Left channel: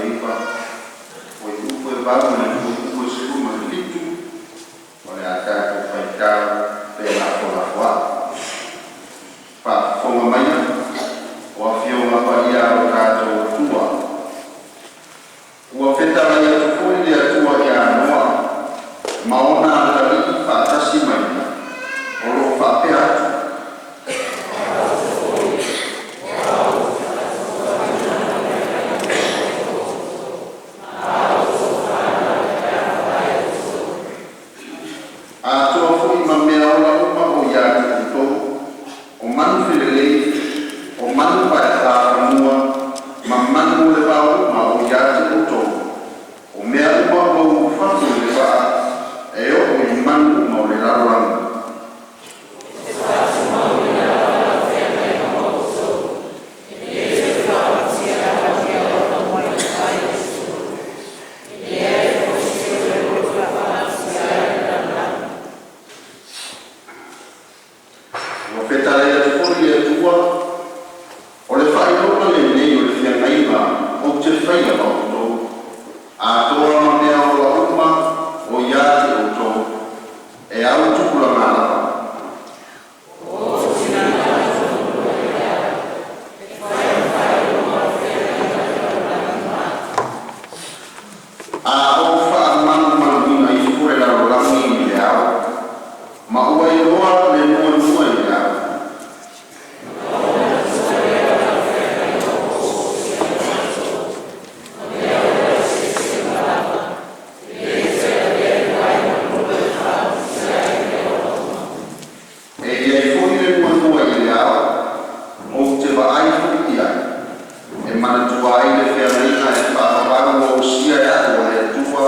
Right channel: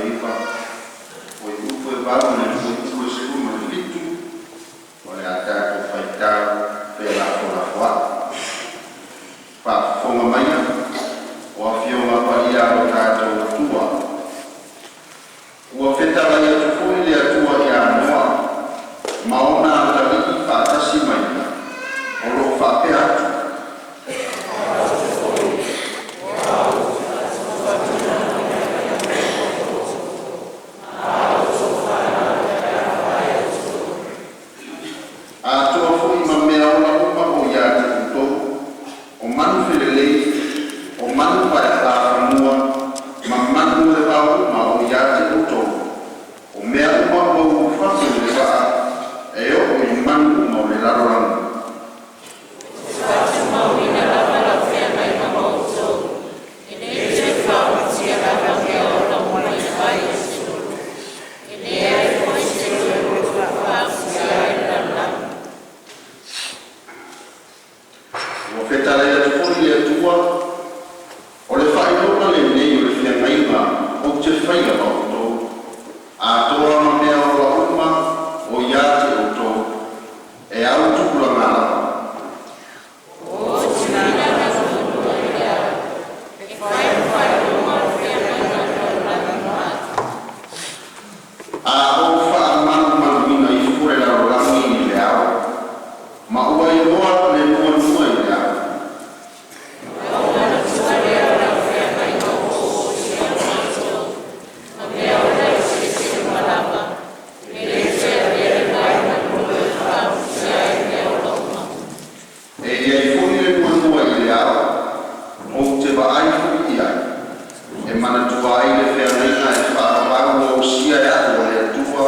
feiva o i upo e vau na o upo e seku ma litu o le ata ko faitau pe la fola foa pa fonga maia o a fionga pa ia o tātou tua ua whetara ia tufoi le atua ki a noa maona ala liki whaatasi mai o lo whape atu e mana tua ai le whea reina e whaakawaru o sia e atua e atua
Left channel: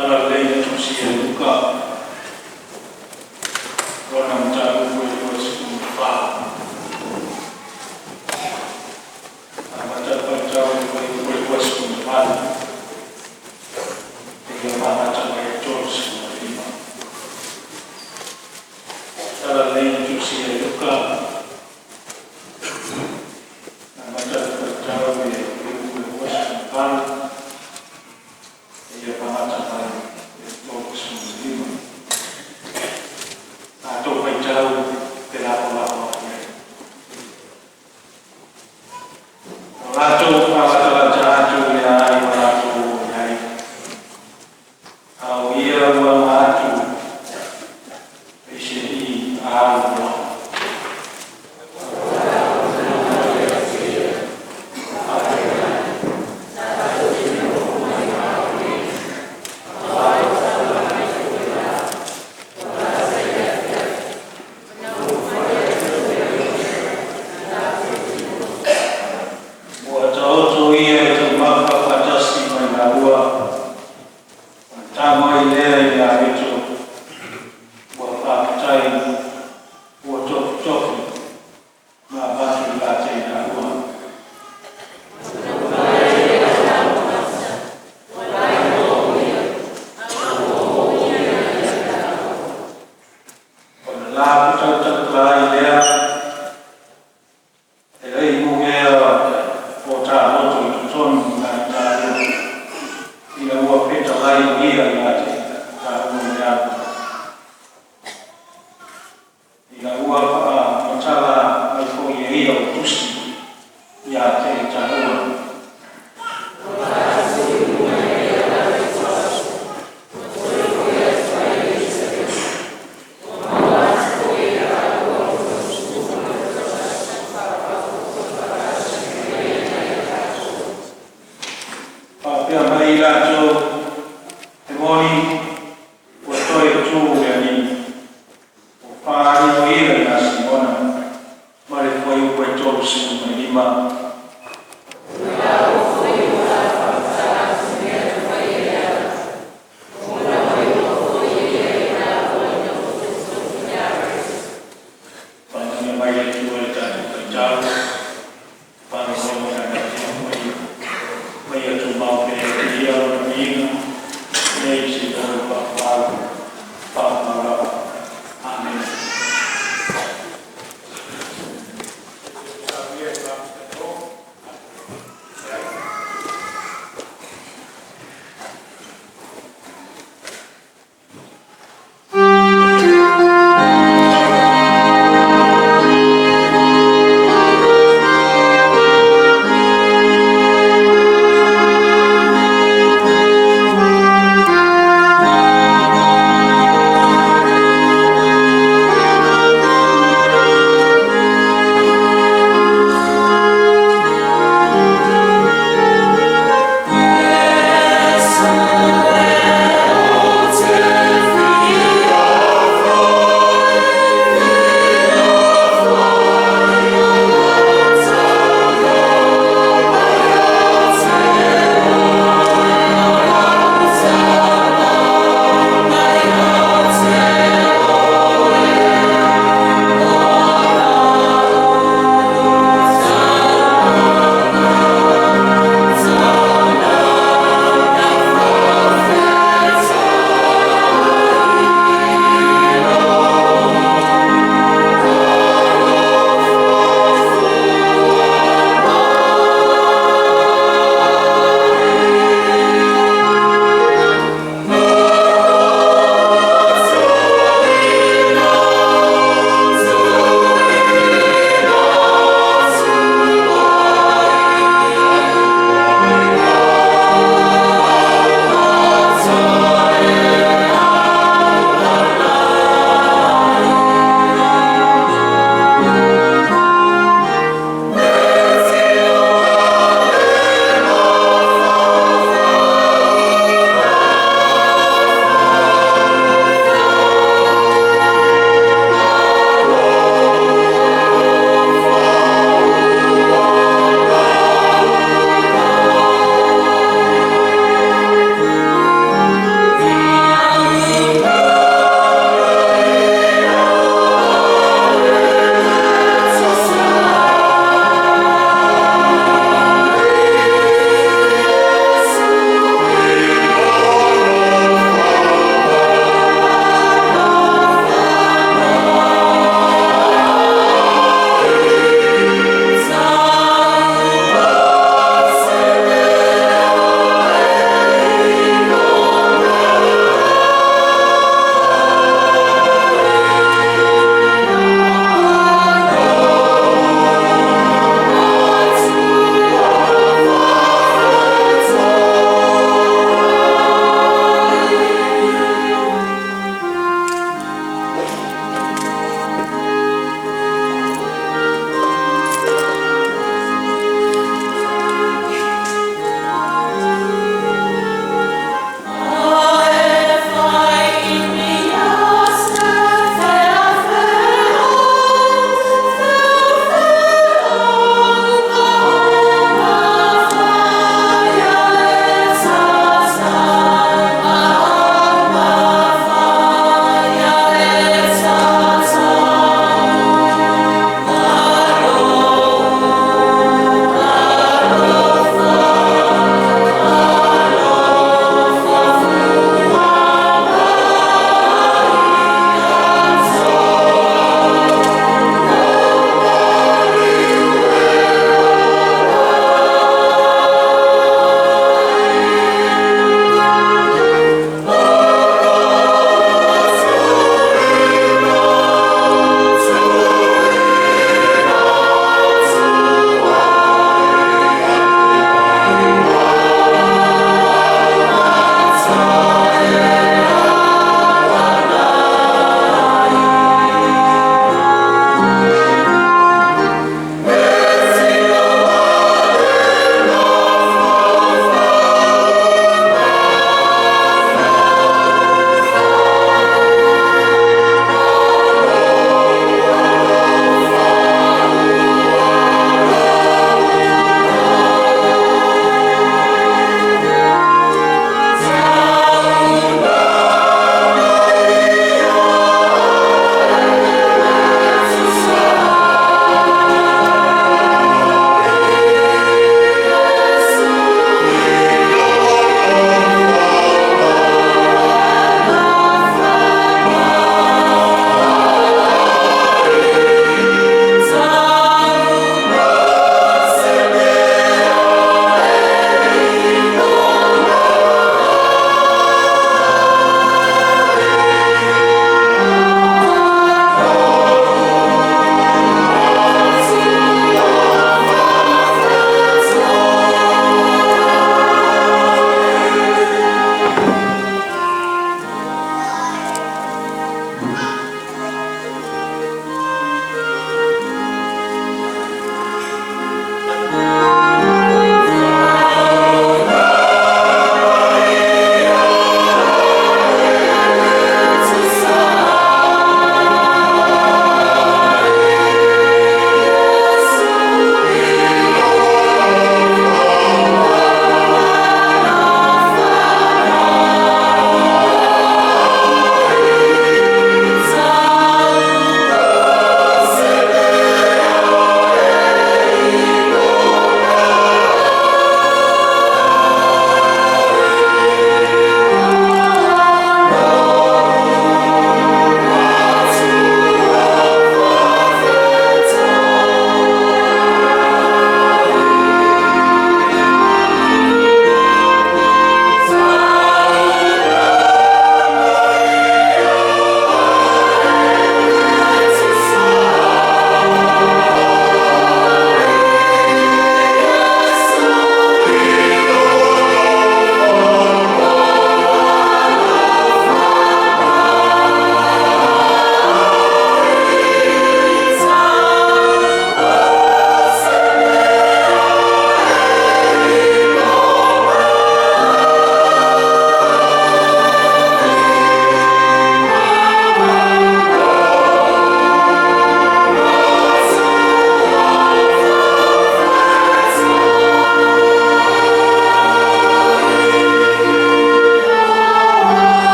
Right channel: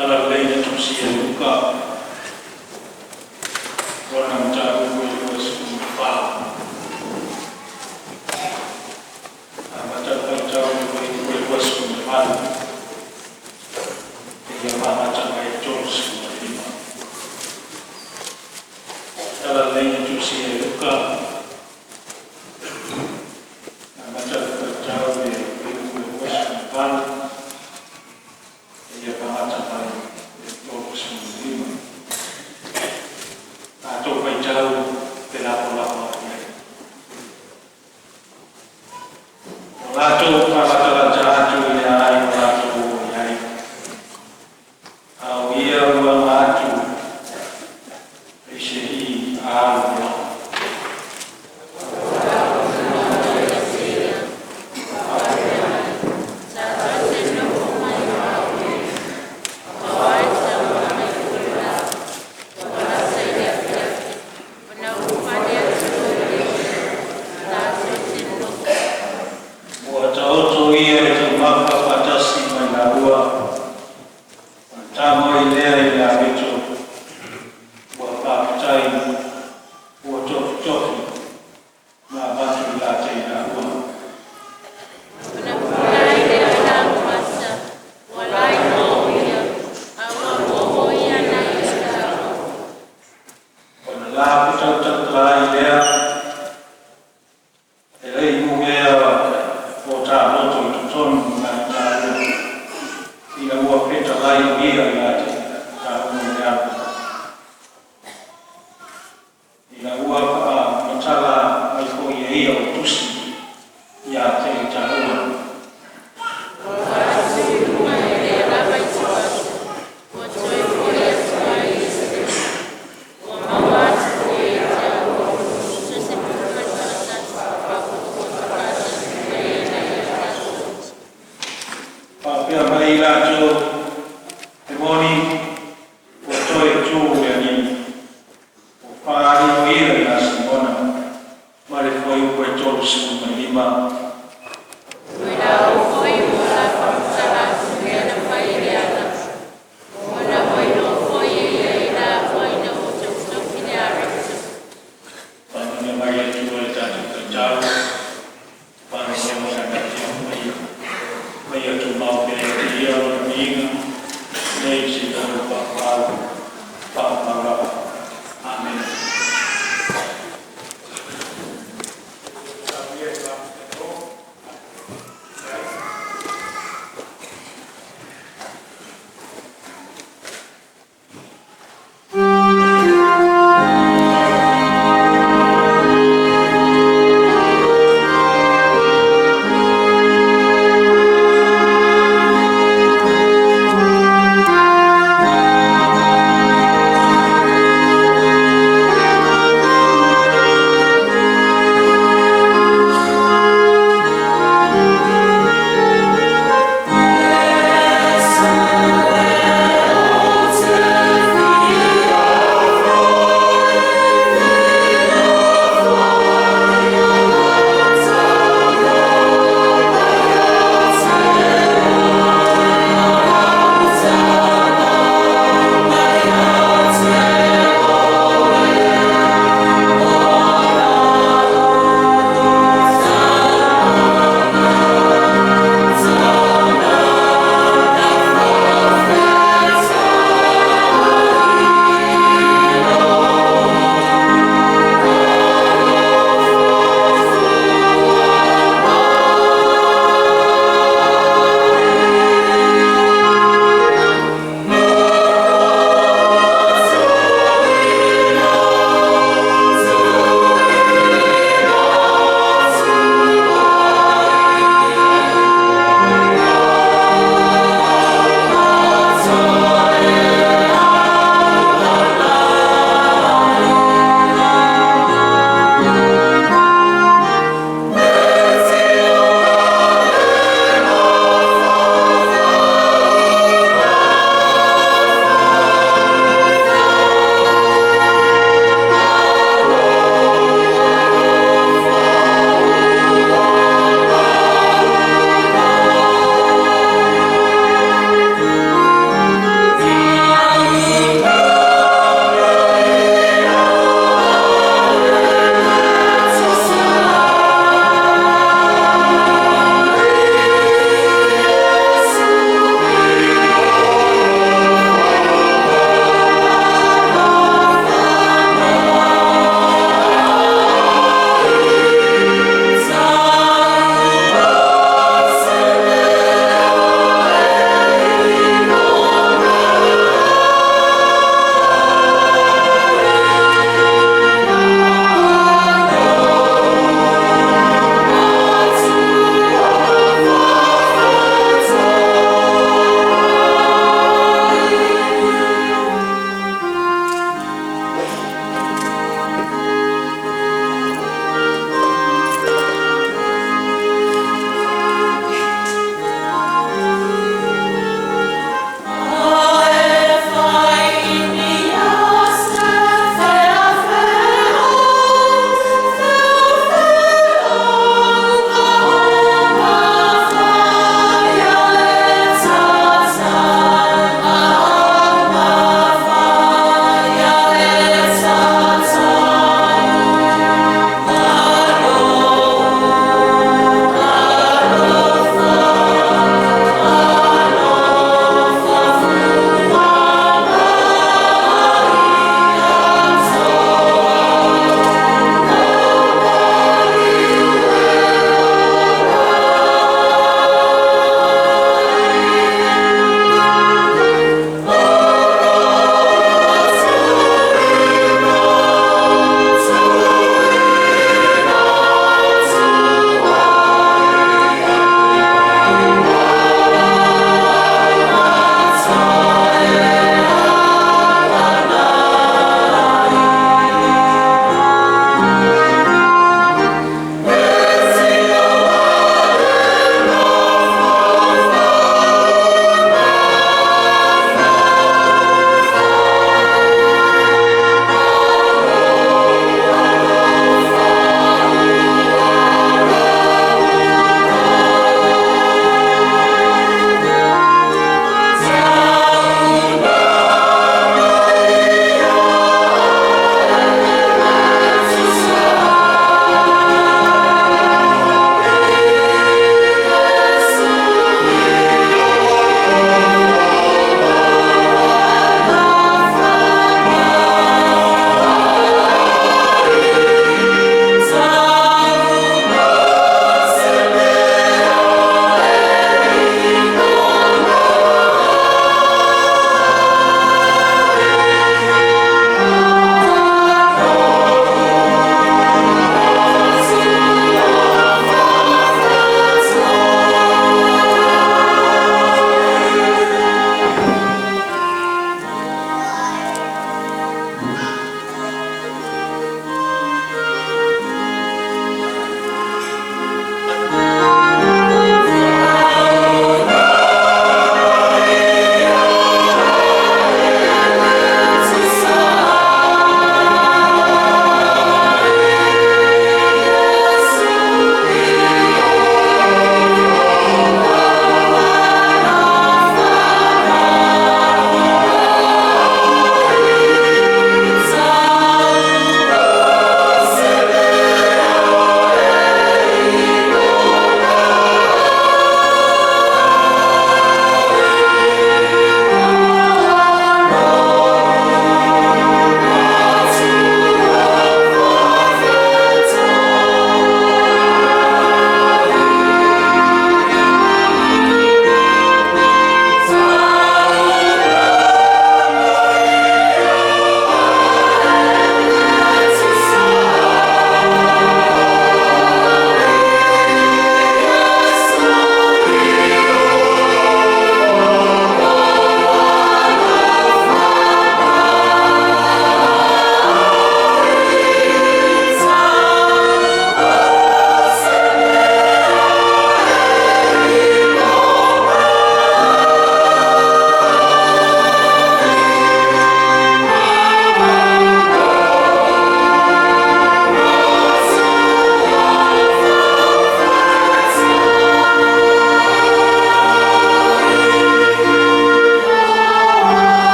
Taralei tusia luka ronam tahu kuliwas kumpa amatar pantau kuliwas kumpa dia amatar kuliwas kumpa taralei tusia luka amatar pantau kuliwas kumpa dia amatar kuliwas kumpa atau pencau pelapor-lapor Rajo rajo yai rajo yai awia wa rajo ishi awo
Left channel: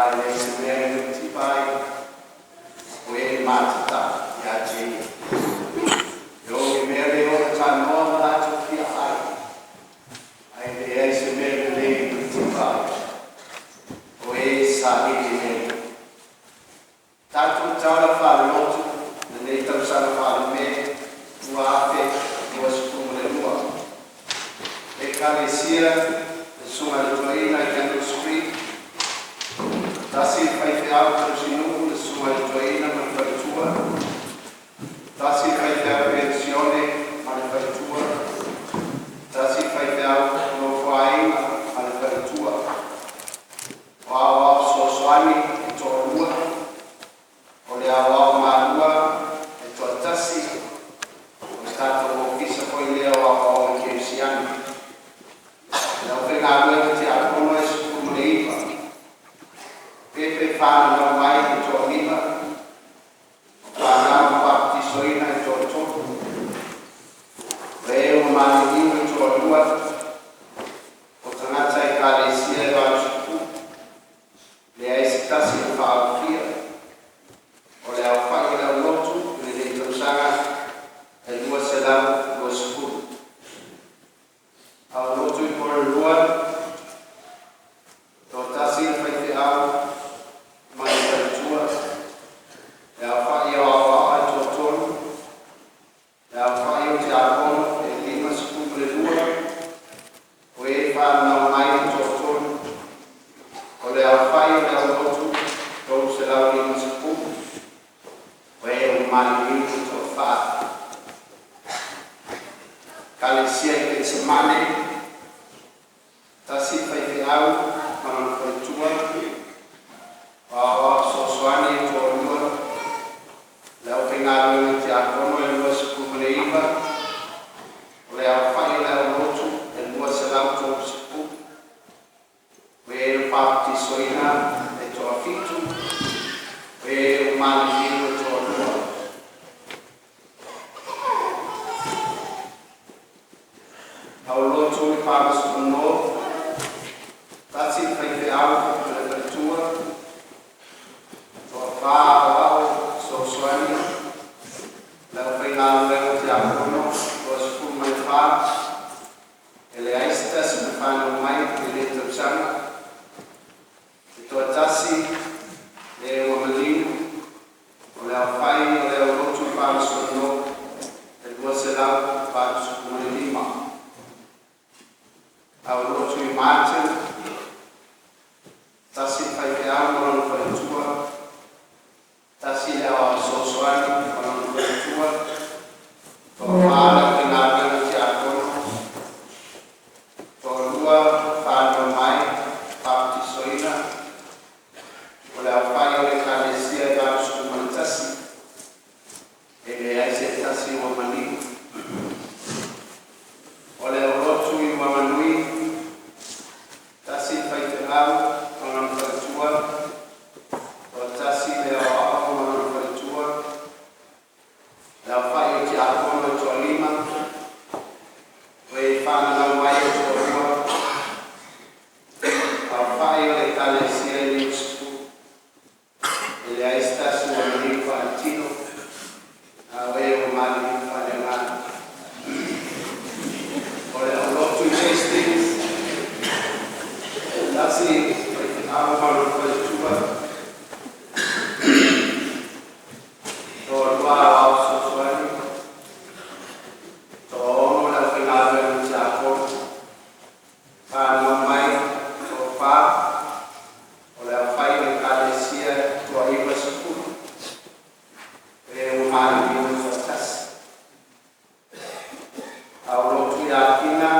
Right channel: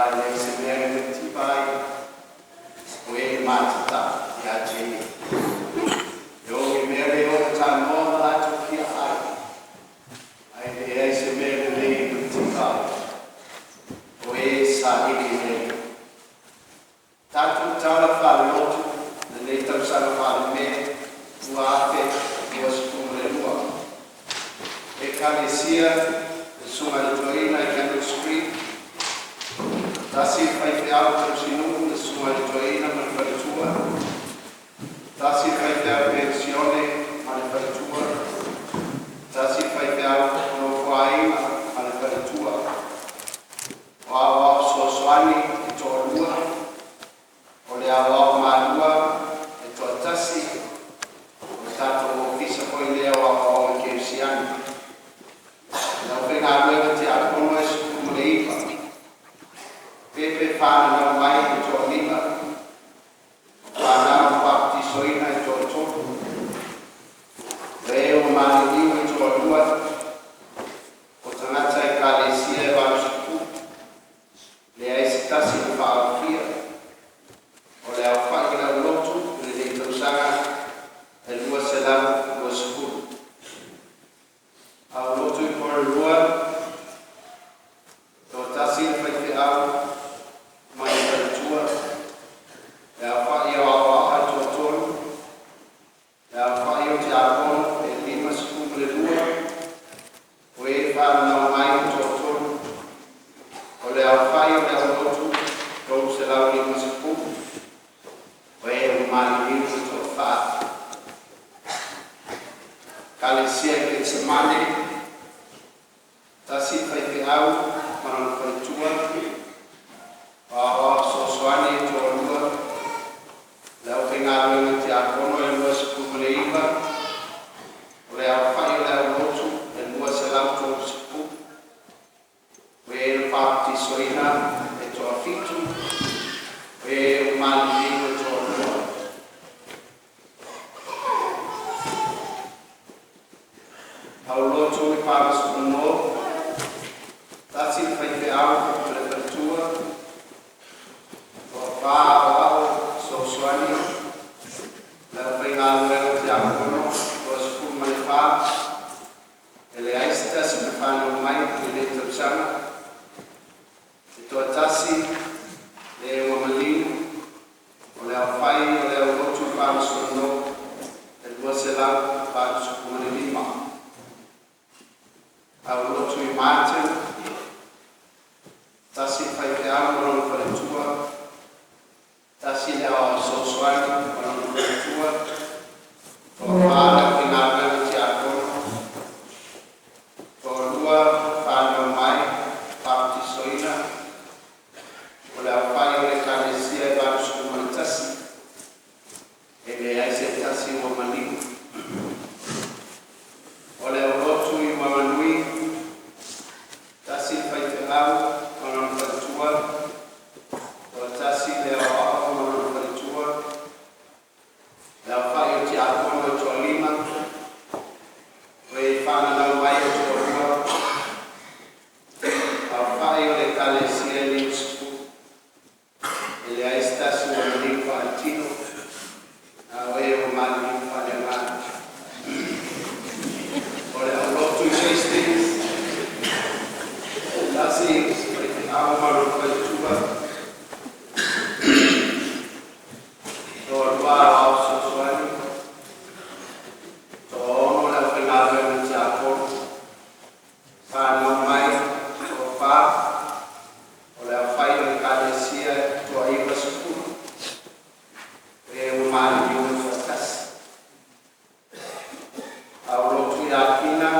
vai nei seminari ti vai o e matata ya ji yo mi mere o ta no la to ki ai nei seminari ti vai o e sa ni ni tatu tala fa lotu nei tau sa fa me uate o skumule lua e kalesia sunga le toina i Candle Street tasi fai te auto sinu le sunga le toina ma le faritua tasi fai te pensione ma le faritua tasi fai te auto no fai ma le faritua o awa so swani e to lua o le awa malua e to tasi o tato o kisa ko le awa o ke siani na venga luego te apono es como le iba pepe fana na mai e to lima fana parti soina e to to veo mani e to lua o tanata e kalesia e vasku le aisita si fa fia o le alfa e le lotu le de tosanga e lua se la lo scu au lotu i por lua to tasi fai te au mai tua e au fai o au a to tonu e au fai o te apono e lima skumule lua o e fa na mai to tonu o le au fai o le au lotu to se lau lima skum o e o mani lima to fa kalesia e te semane tasi fai te au mana fai tua o so swani to lua lau te ngāwenga te akono e lua sipu le iwa o le au fai le au lotu e lua se lau to sipu o e le pāpti soina e to afitu o e o mani limu e to lua au lotu i pāpas kuno tasi fai te au le faritua o wha au so swani lau fai ngā luenga te akono o sipu mai wha e le aista se me whanau mai e le tausanga e toa tasi le wamalinu o le au whai o le au lotu pāpas kuno e lua se lau pāpas kuno lima au lotu i Martin tasi fai te au mono fai tua tasi le au so swani mono fai tua to maana ki ngā mena te akono to lua whānau mai pāpti soina o le au whai o le kalesia e vāpusku mana tasi e le aise tasi o maniku o le au lotu i wamanui tasi fai te au mono fai tua o tasi le au au mono fai tua le au whai o te akono e toa lima o e whananau mai o toa lua au whai o le kalesia e li usipu e le aistasi o mani whaatino au e o mani whanengana o le au lotu i Hastings tasi au malu fai tua to lua au so swani to ono le whingawe o te akono whanau mai to wha o le au whai o le kalesia to iwa sukuru e o mani i o tasi au lotu i apina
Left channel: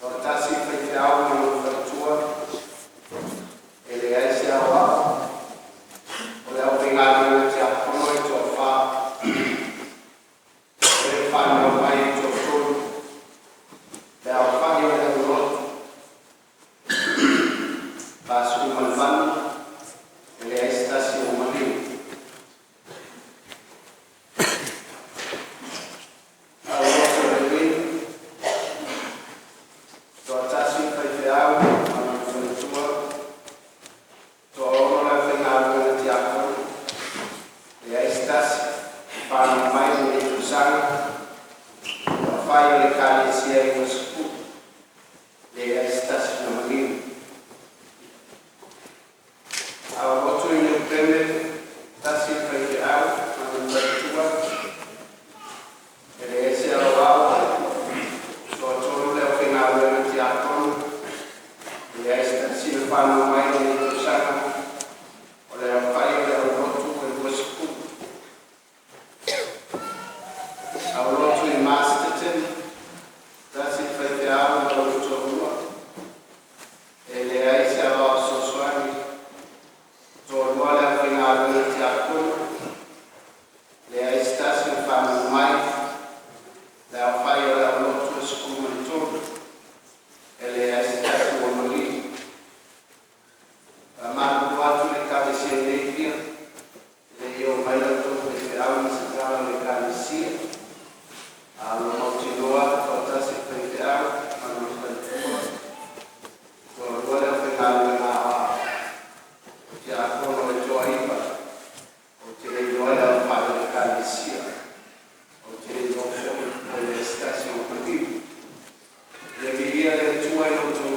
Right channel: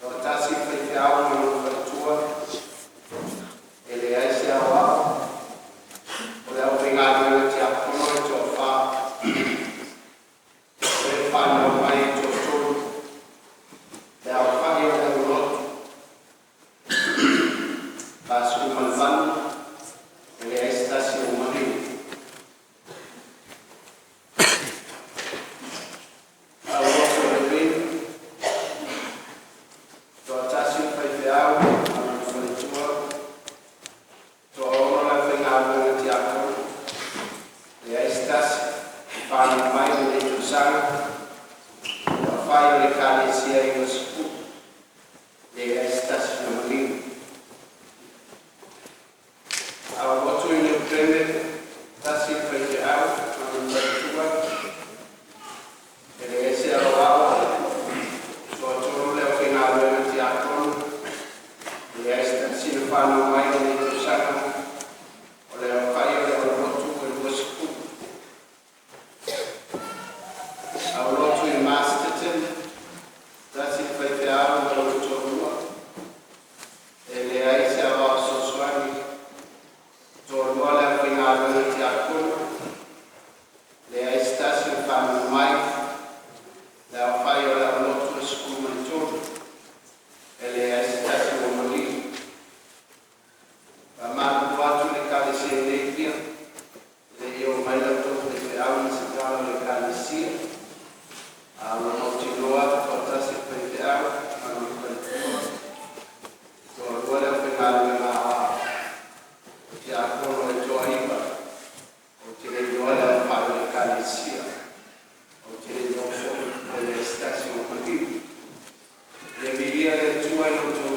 to tasi fai te au malu fai tua e le aise au au o le au whingawe o te akono e to wha o e whanau mai to tonu le au whai o le au lotu pasu manfanu e le aise tasi o maniu au lotu le winu to tasi fai te au malu fai tua Le migliaia di tuoi non sono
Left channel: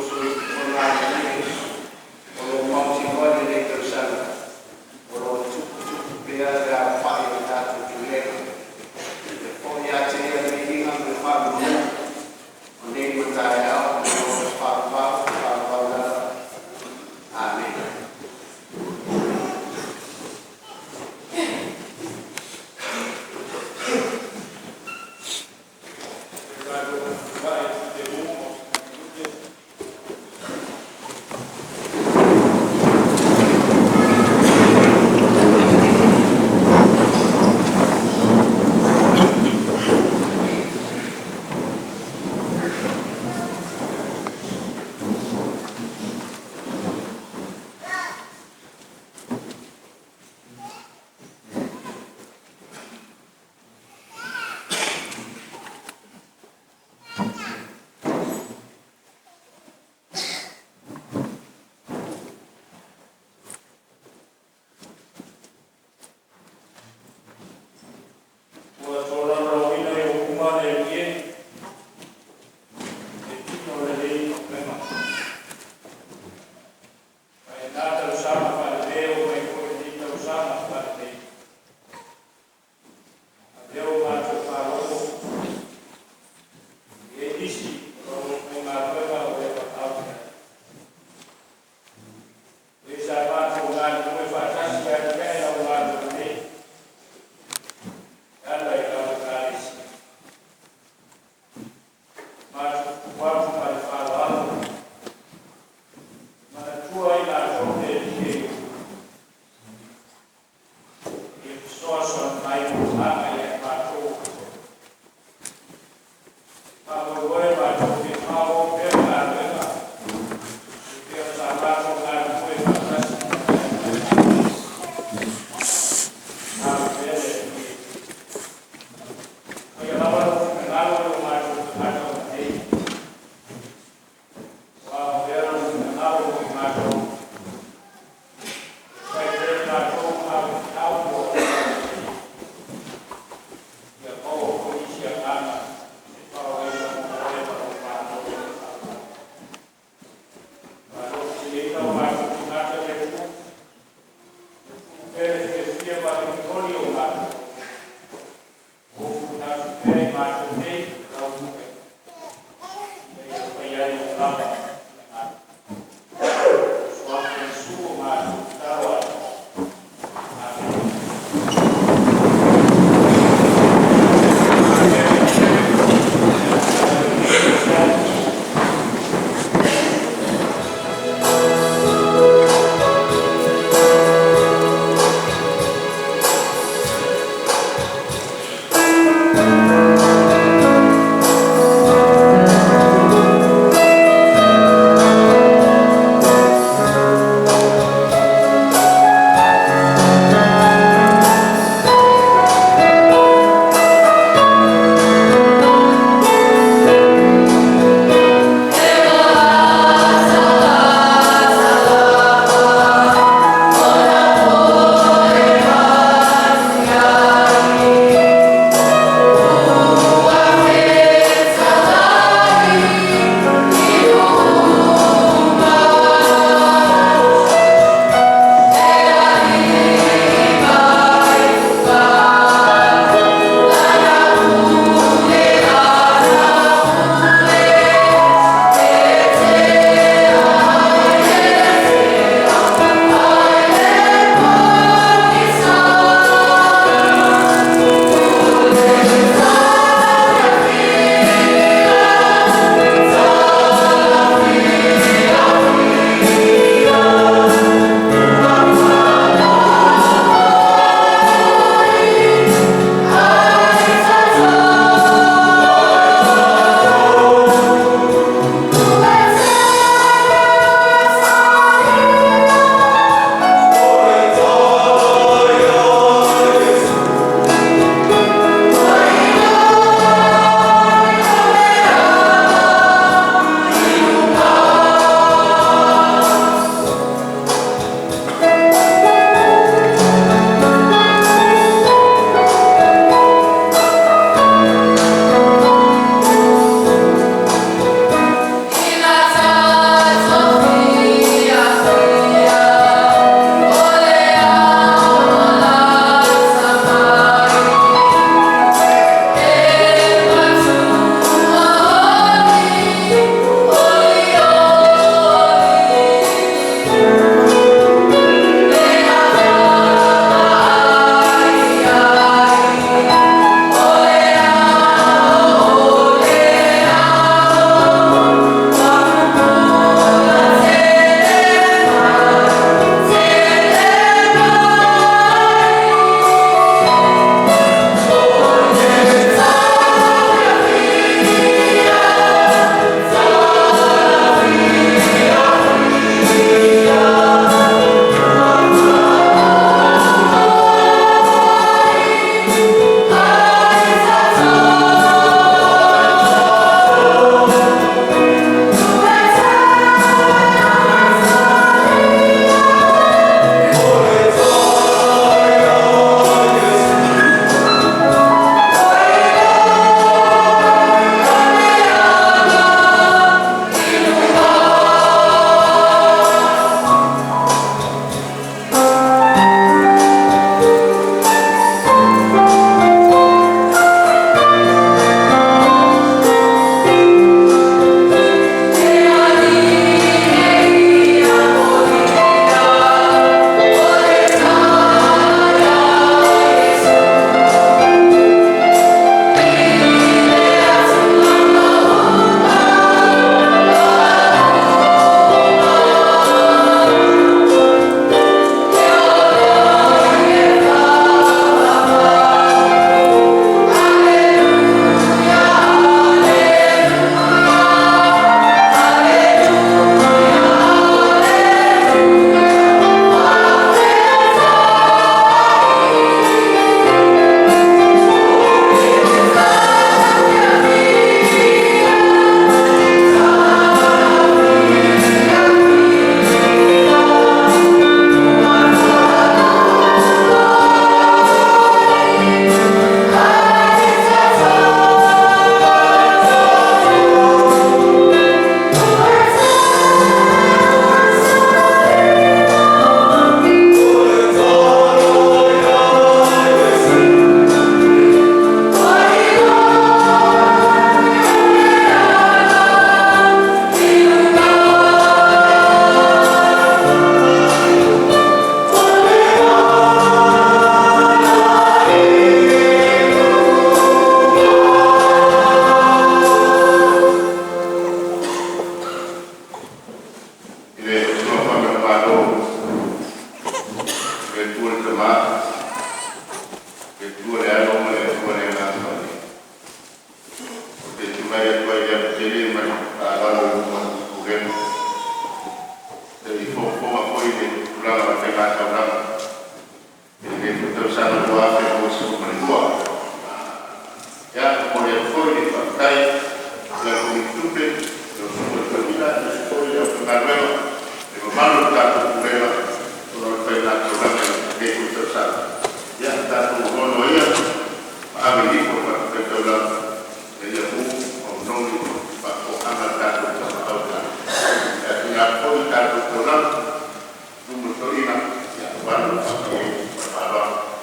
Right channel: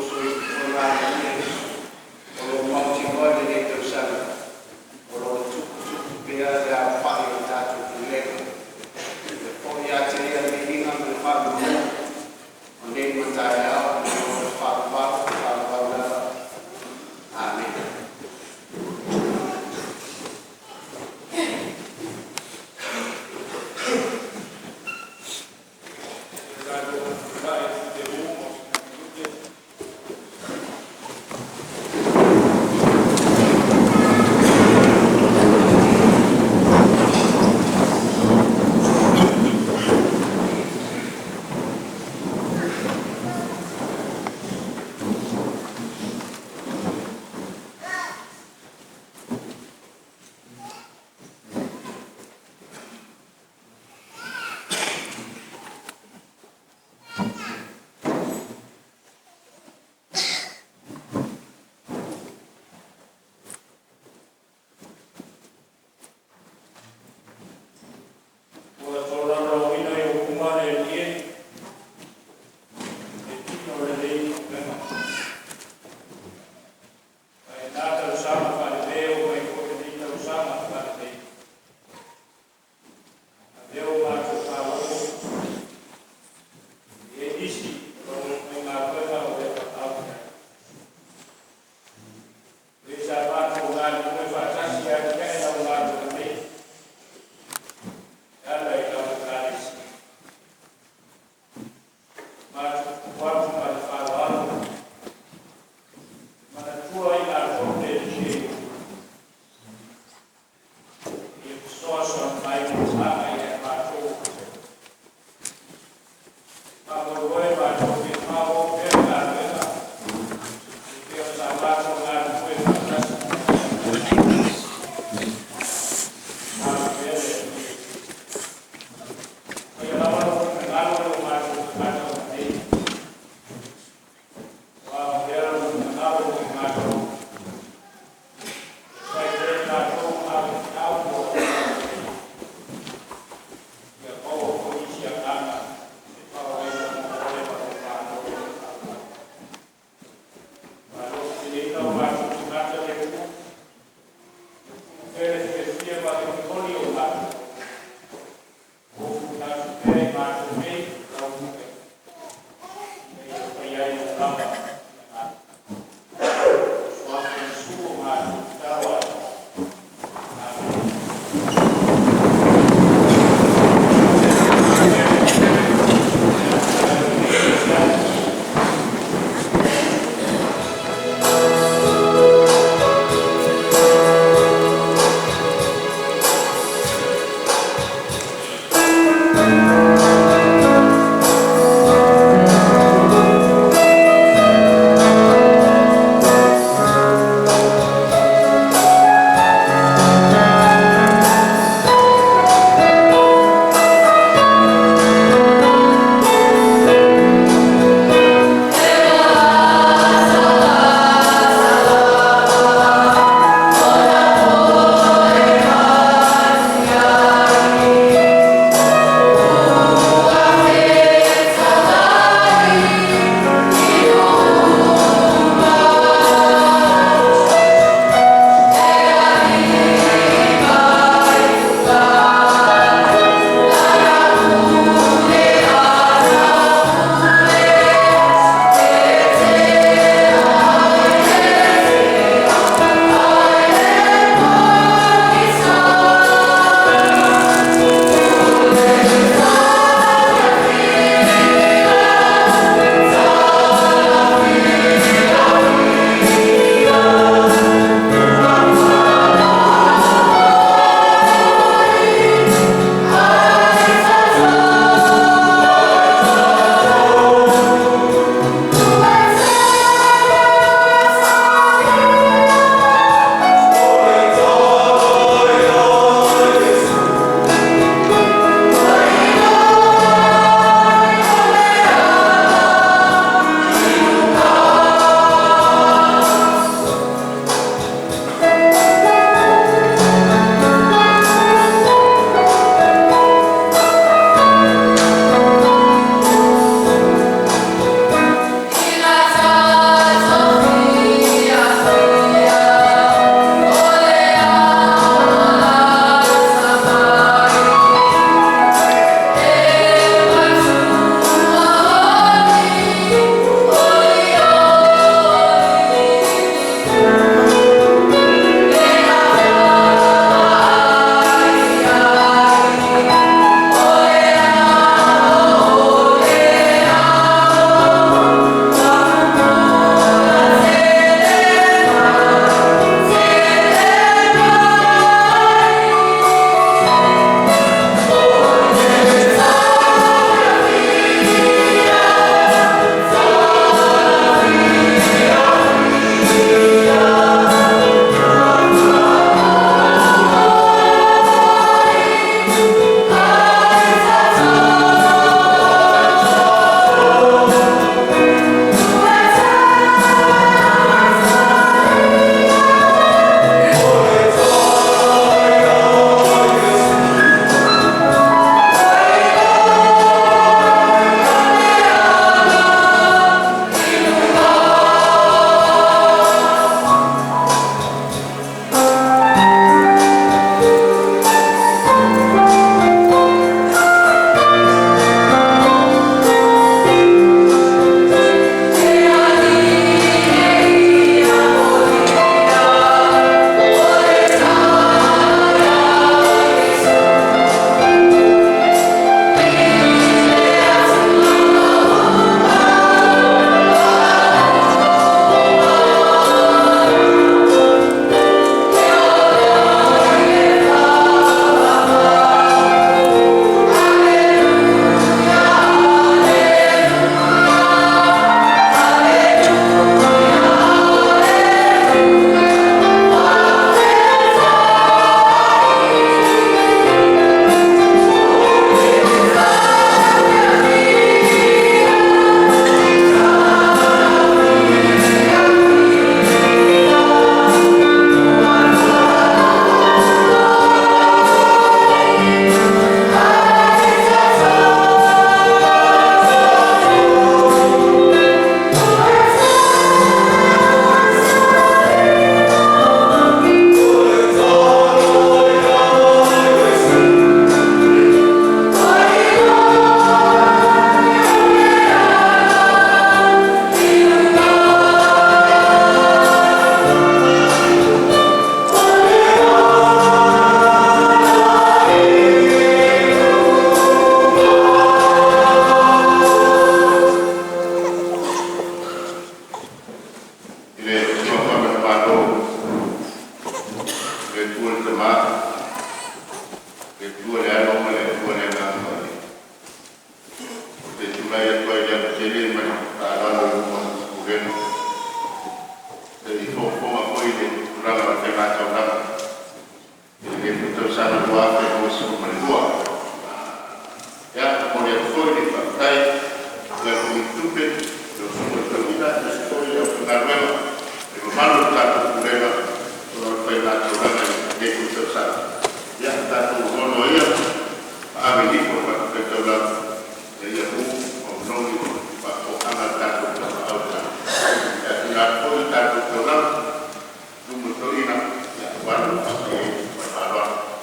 One, okay, Baba.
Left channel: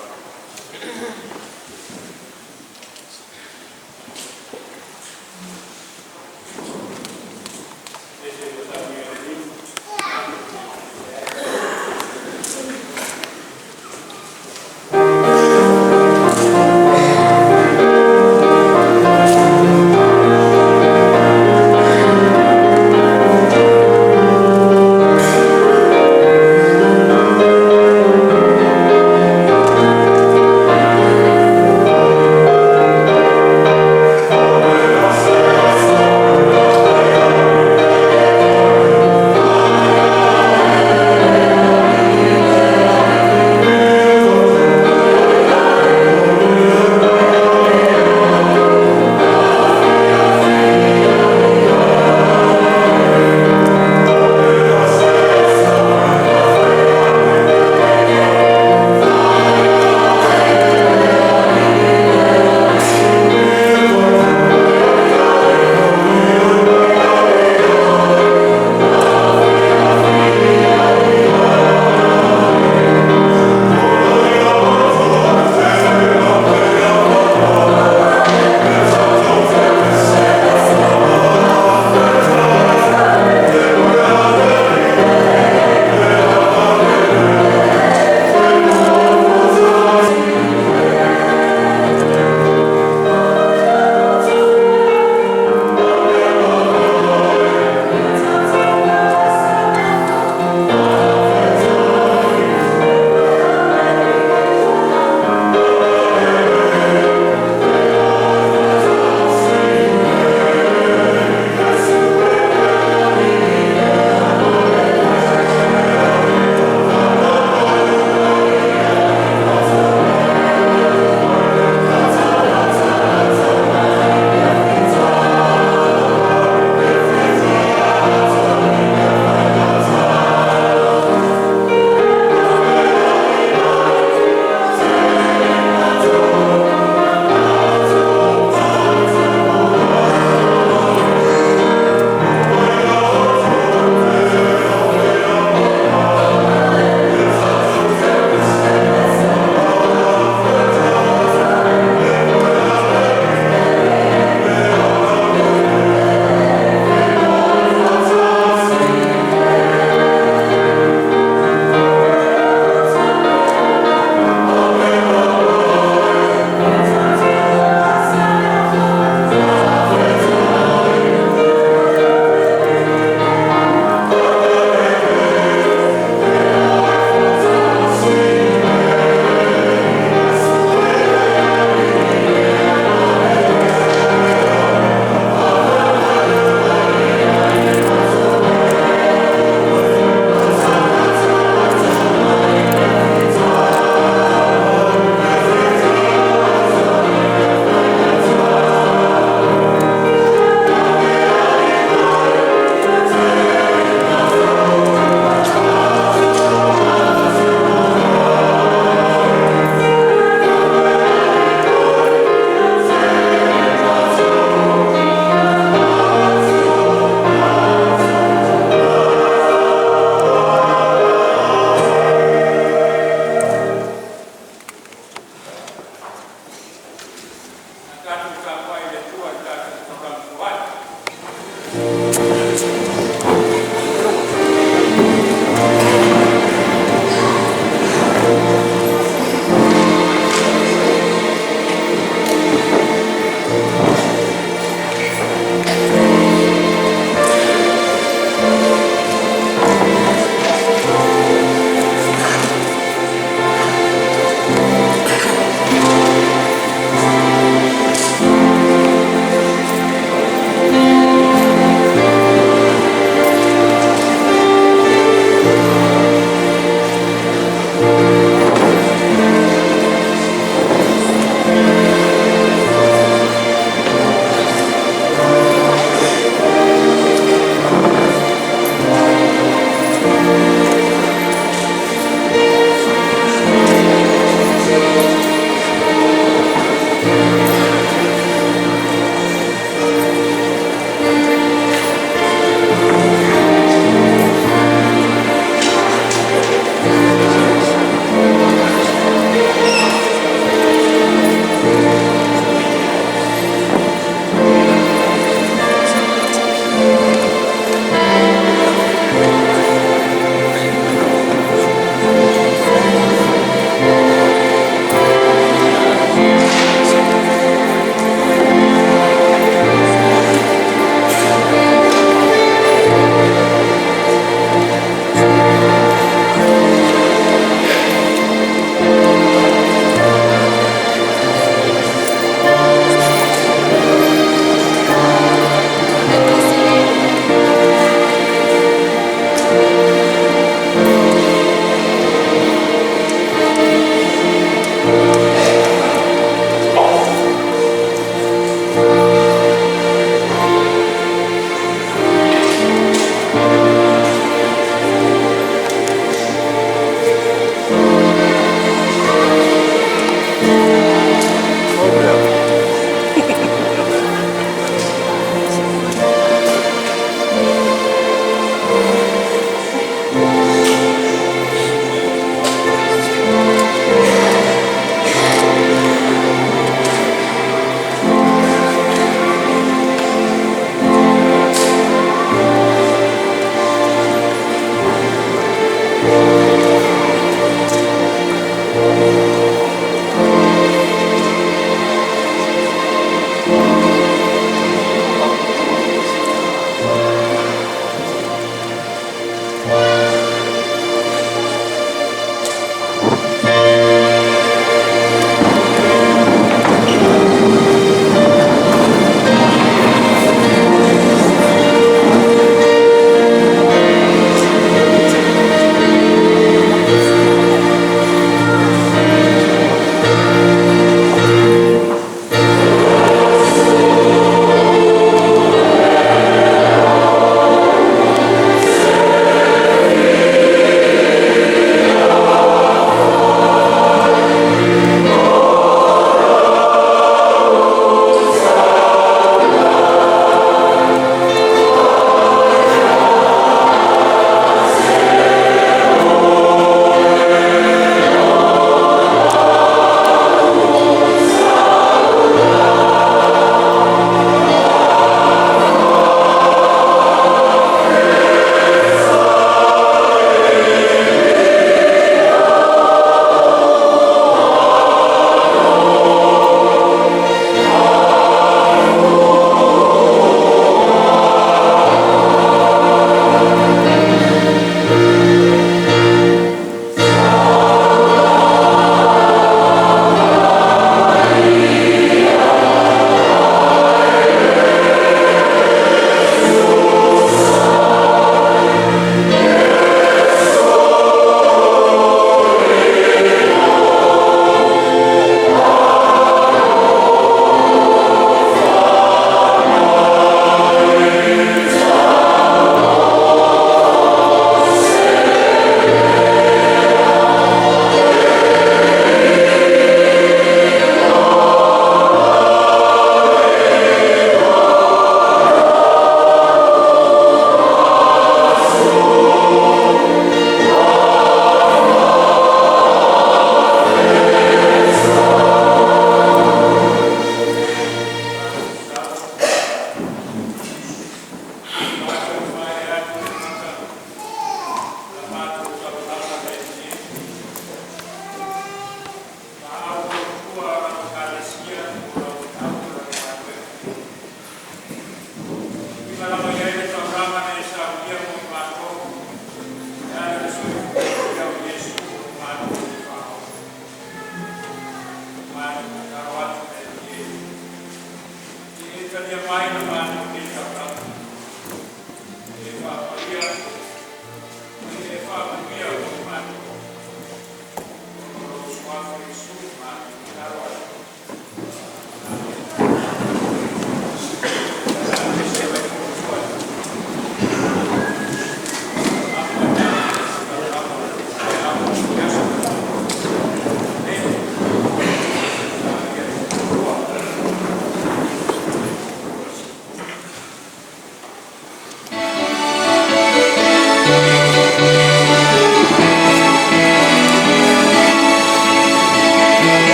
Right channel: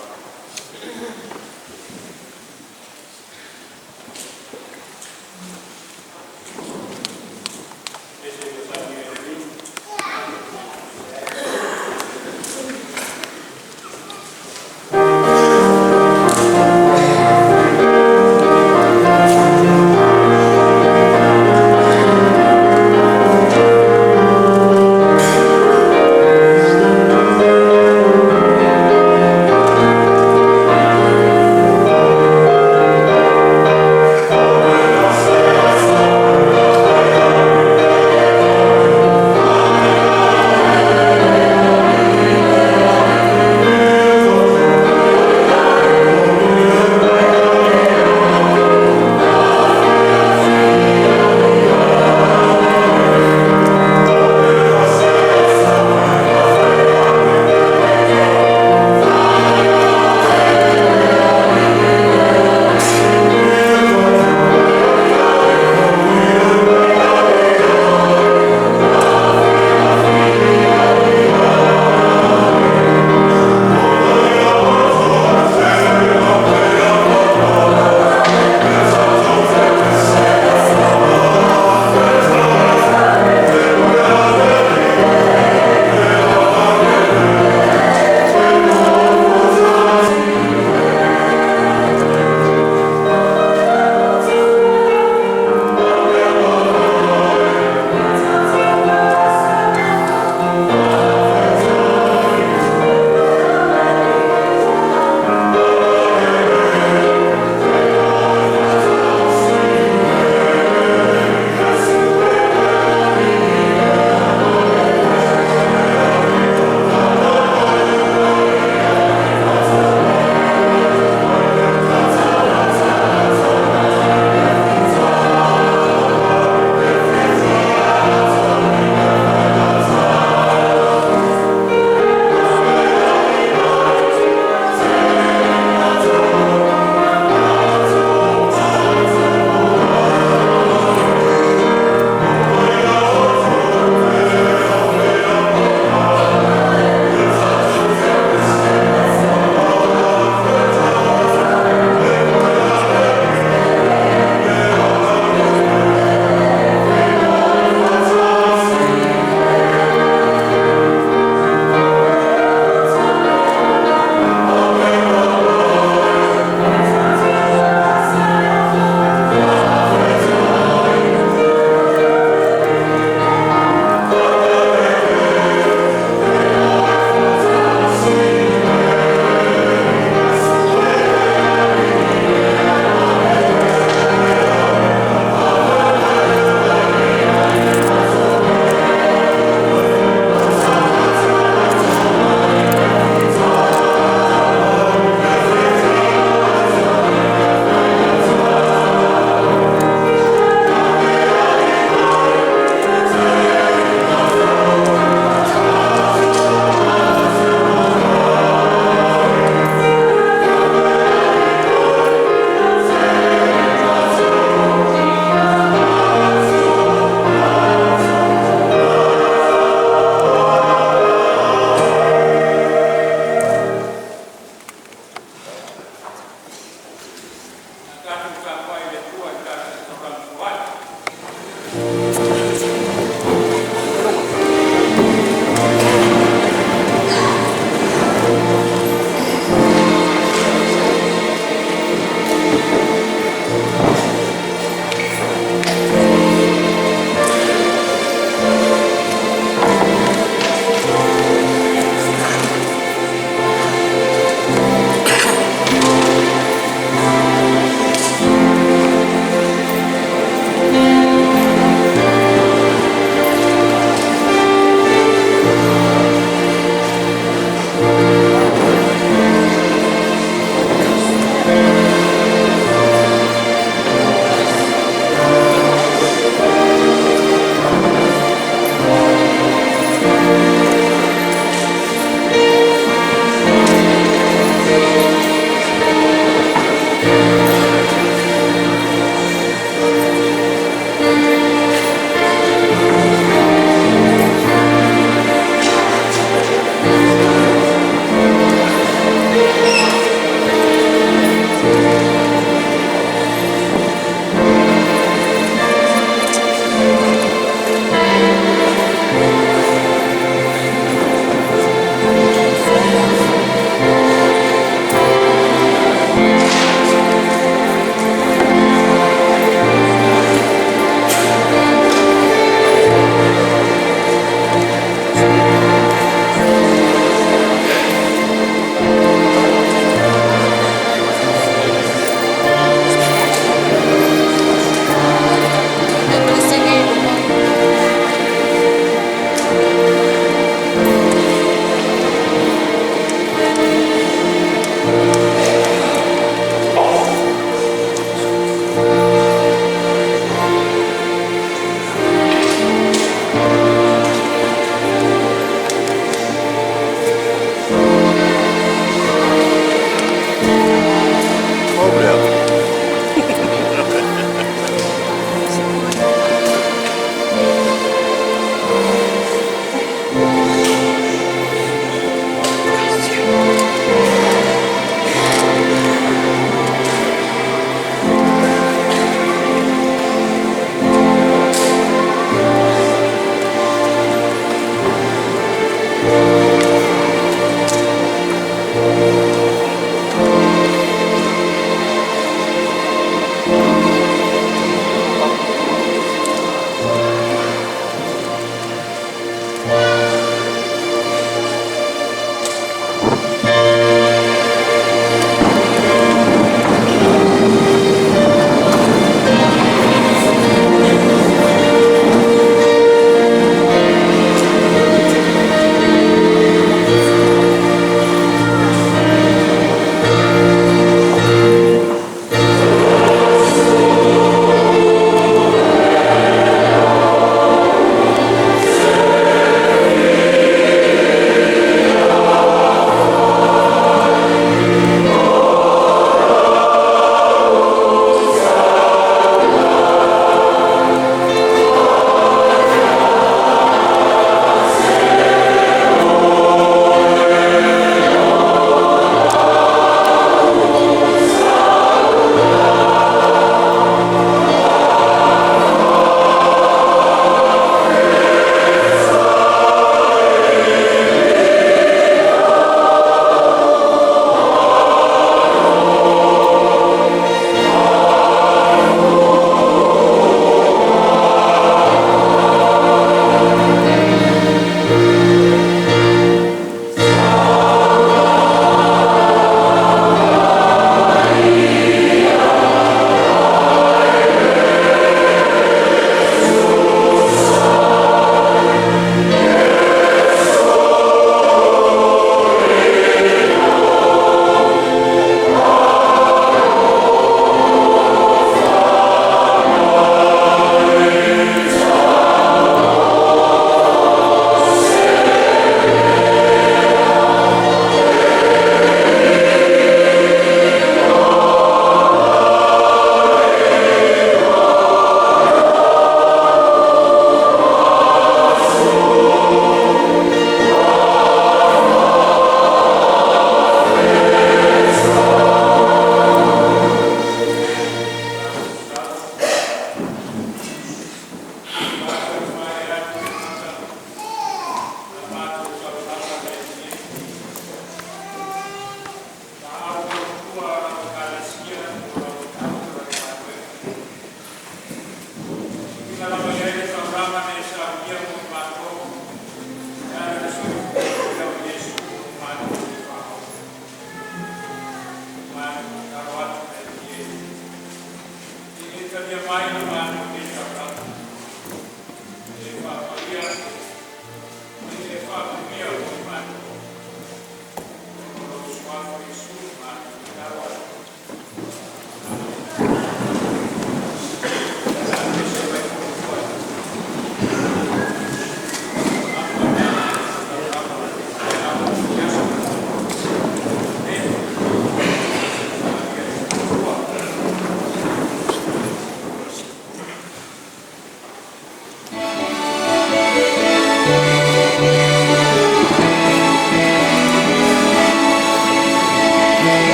Thank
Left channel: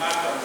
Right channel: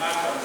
Maso,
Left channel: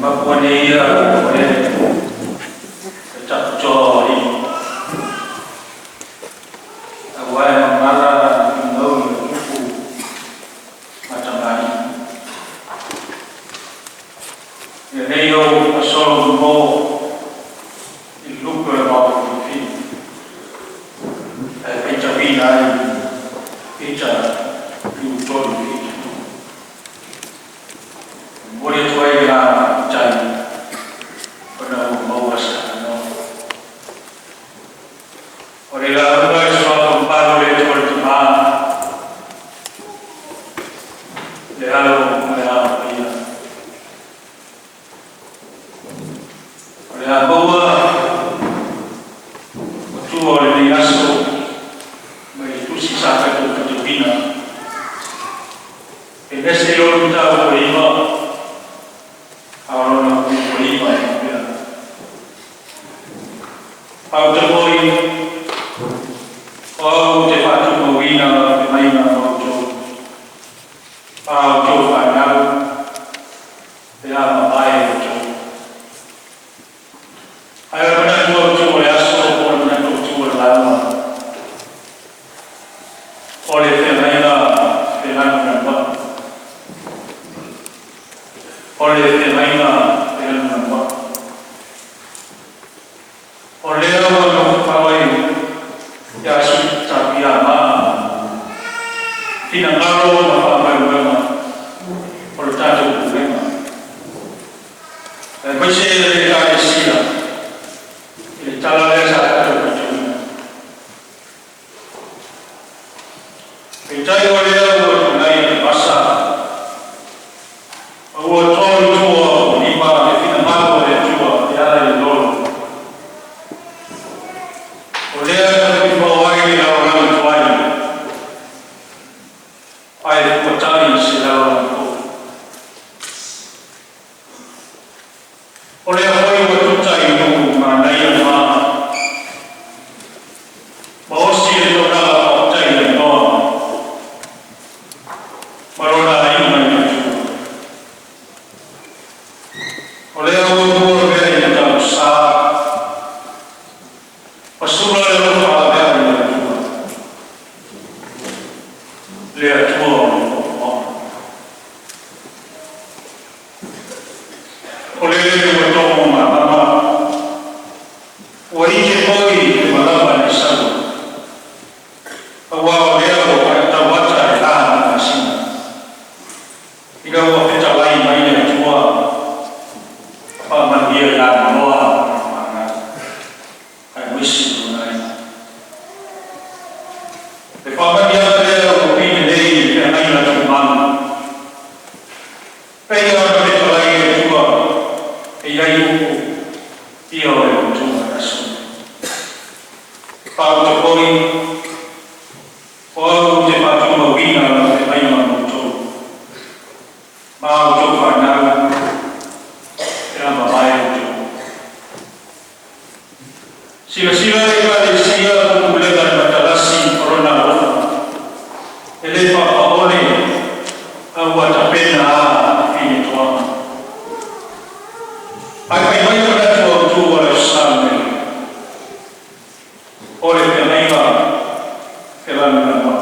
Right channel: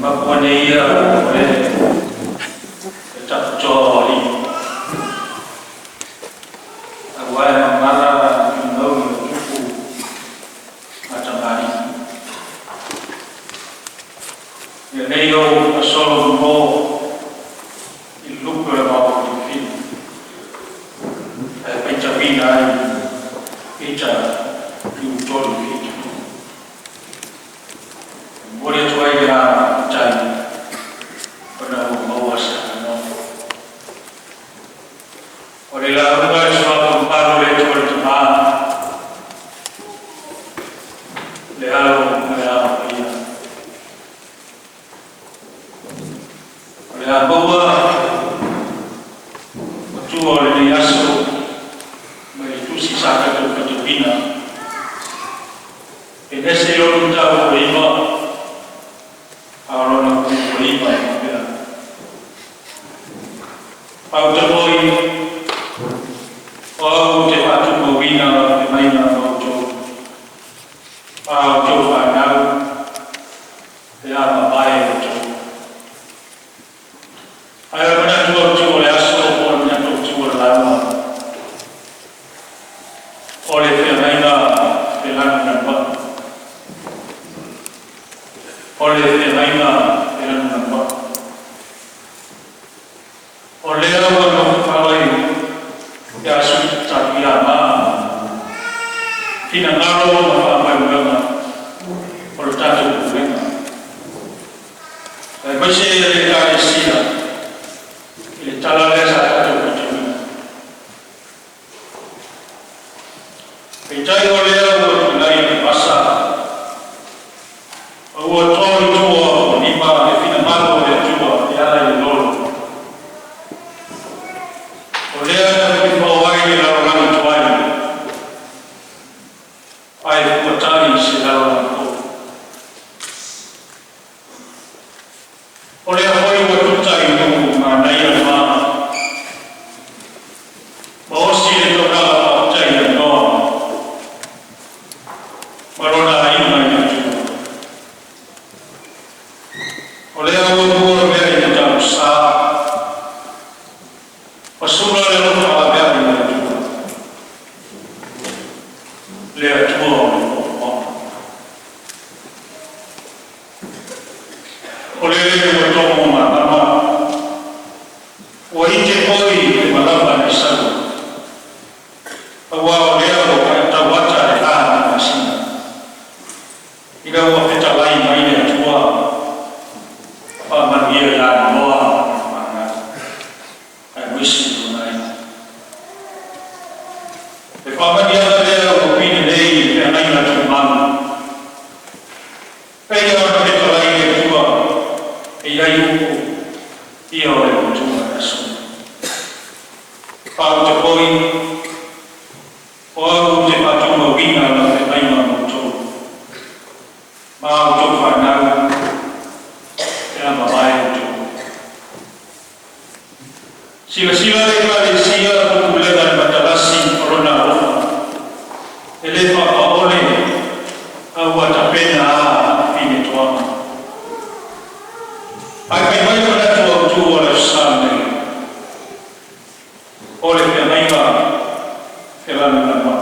Mapuania oleh tak jori awal mangala nau tuku macam hari leo asal mo iluku mau fi pencapina peca diutor fi boleh tuai ya cai pada bawa sana oleh lalu semua baru le tuai cuma lalu mereka oleh bawa tu oleh aso itu sisa kata bina ini seorang tahu lima orang nak lima au terpoi au te patu mawina te maina au jo whanau te ama mai au jo ai mana tua le aso o na tua lama ole te maina te lana namba ole te maina te lana namba ole o no pawai ya su tapia ma tina ngaro ma pa ma ole tato buena e poi se le cade sila il talale sa tato buena e tai ole o nai passa o tolu tuo ni ma e fina malo le tuo e ala le lolo oleh dari bawah ini orang tuai, ayat kocai silawan ko. Oleh apa yang kocai itu mana yang mana? Bahawa sila itu adalah kocai yang doa. Marona ini mana juga. Oleh apa yang dia jauh sah. Pasula le lo fa bene la tua le tua o le le to mama o ije poi le malava ne salu awa le lo ka ta wata le ana masina ida o pe ta lai mai le tua pa man dia la noa mana ai wisi e fa dia le opinione dei che mai la umana e io ho detto lei tua e io ho giù adesso fatto poi ho te fatto una vina e mai molto ma ho fatto e la mai giù sila le sia tu le dai batalasi corona ele fa ole awat pena fini tua ai mai pada tu ole sampai ole mai va ke va nama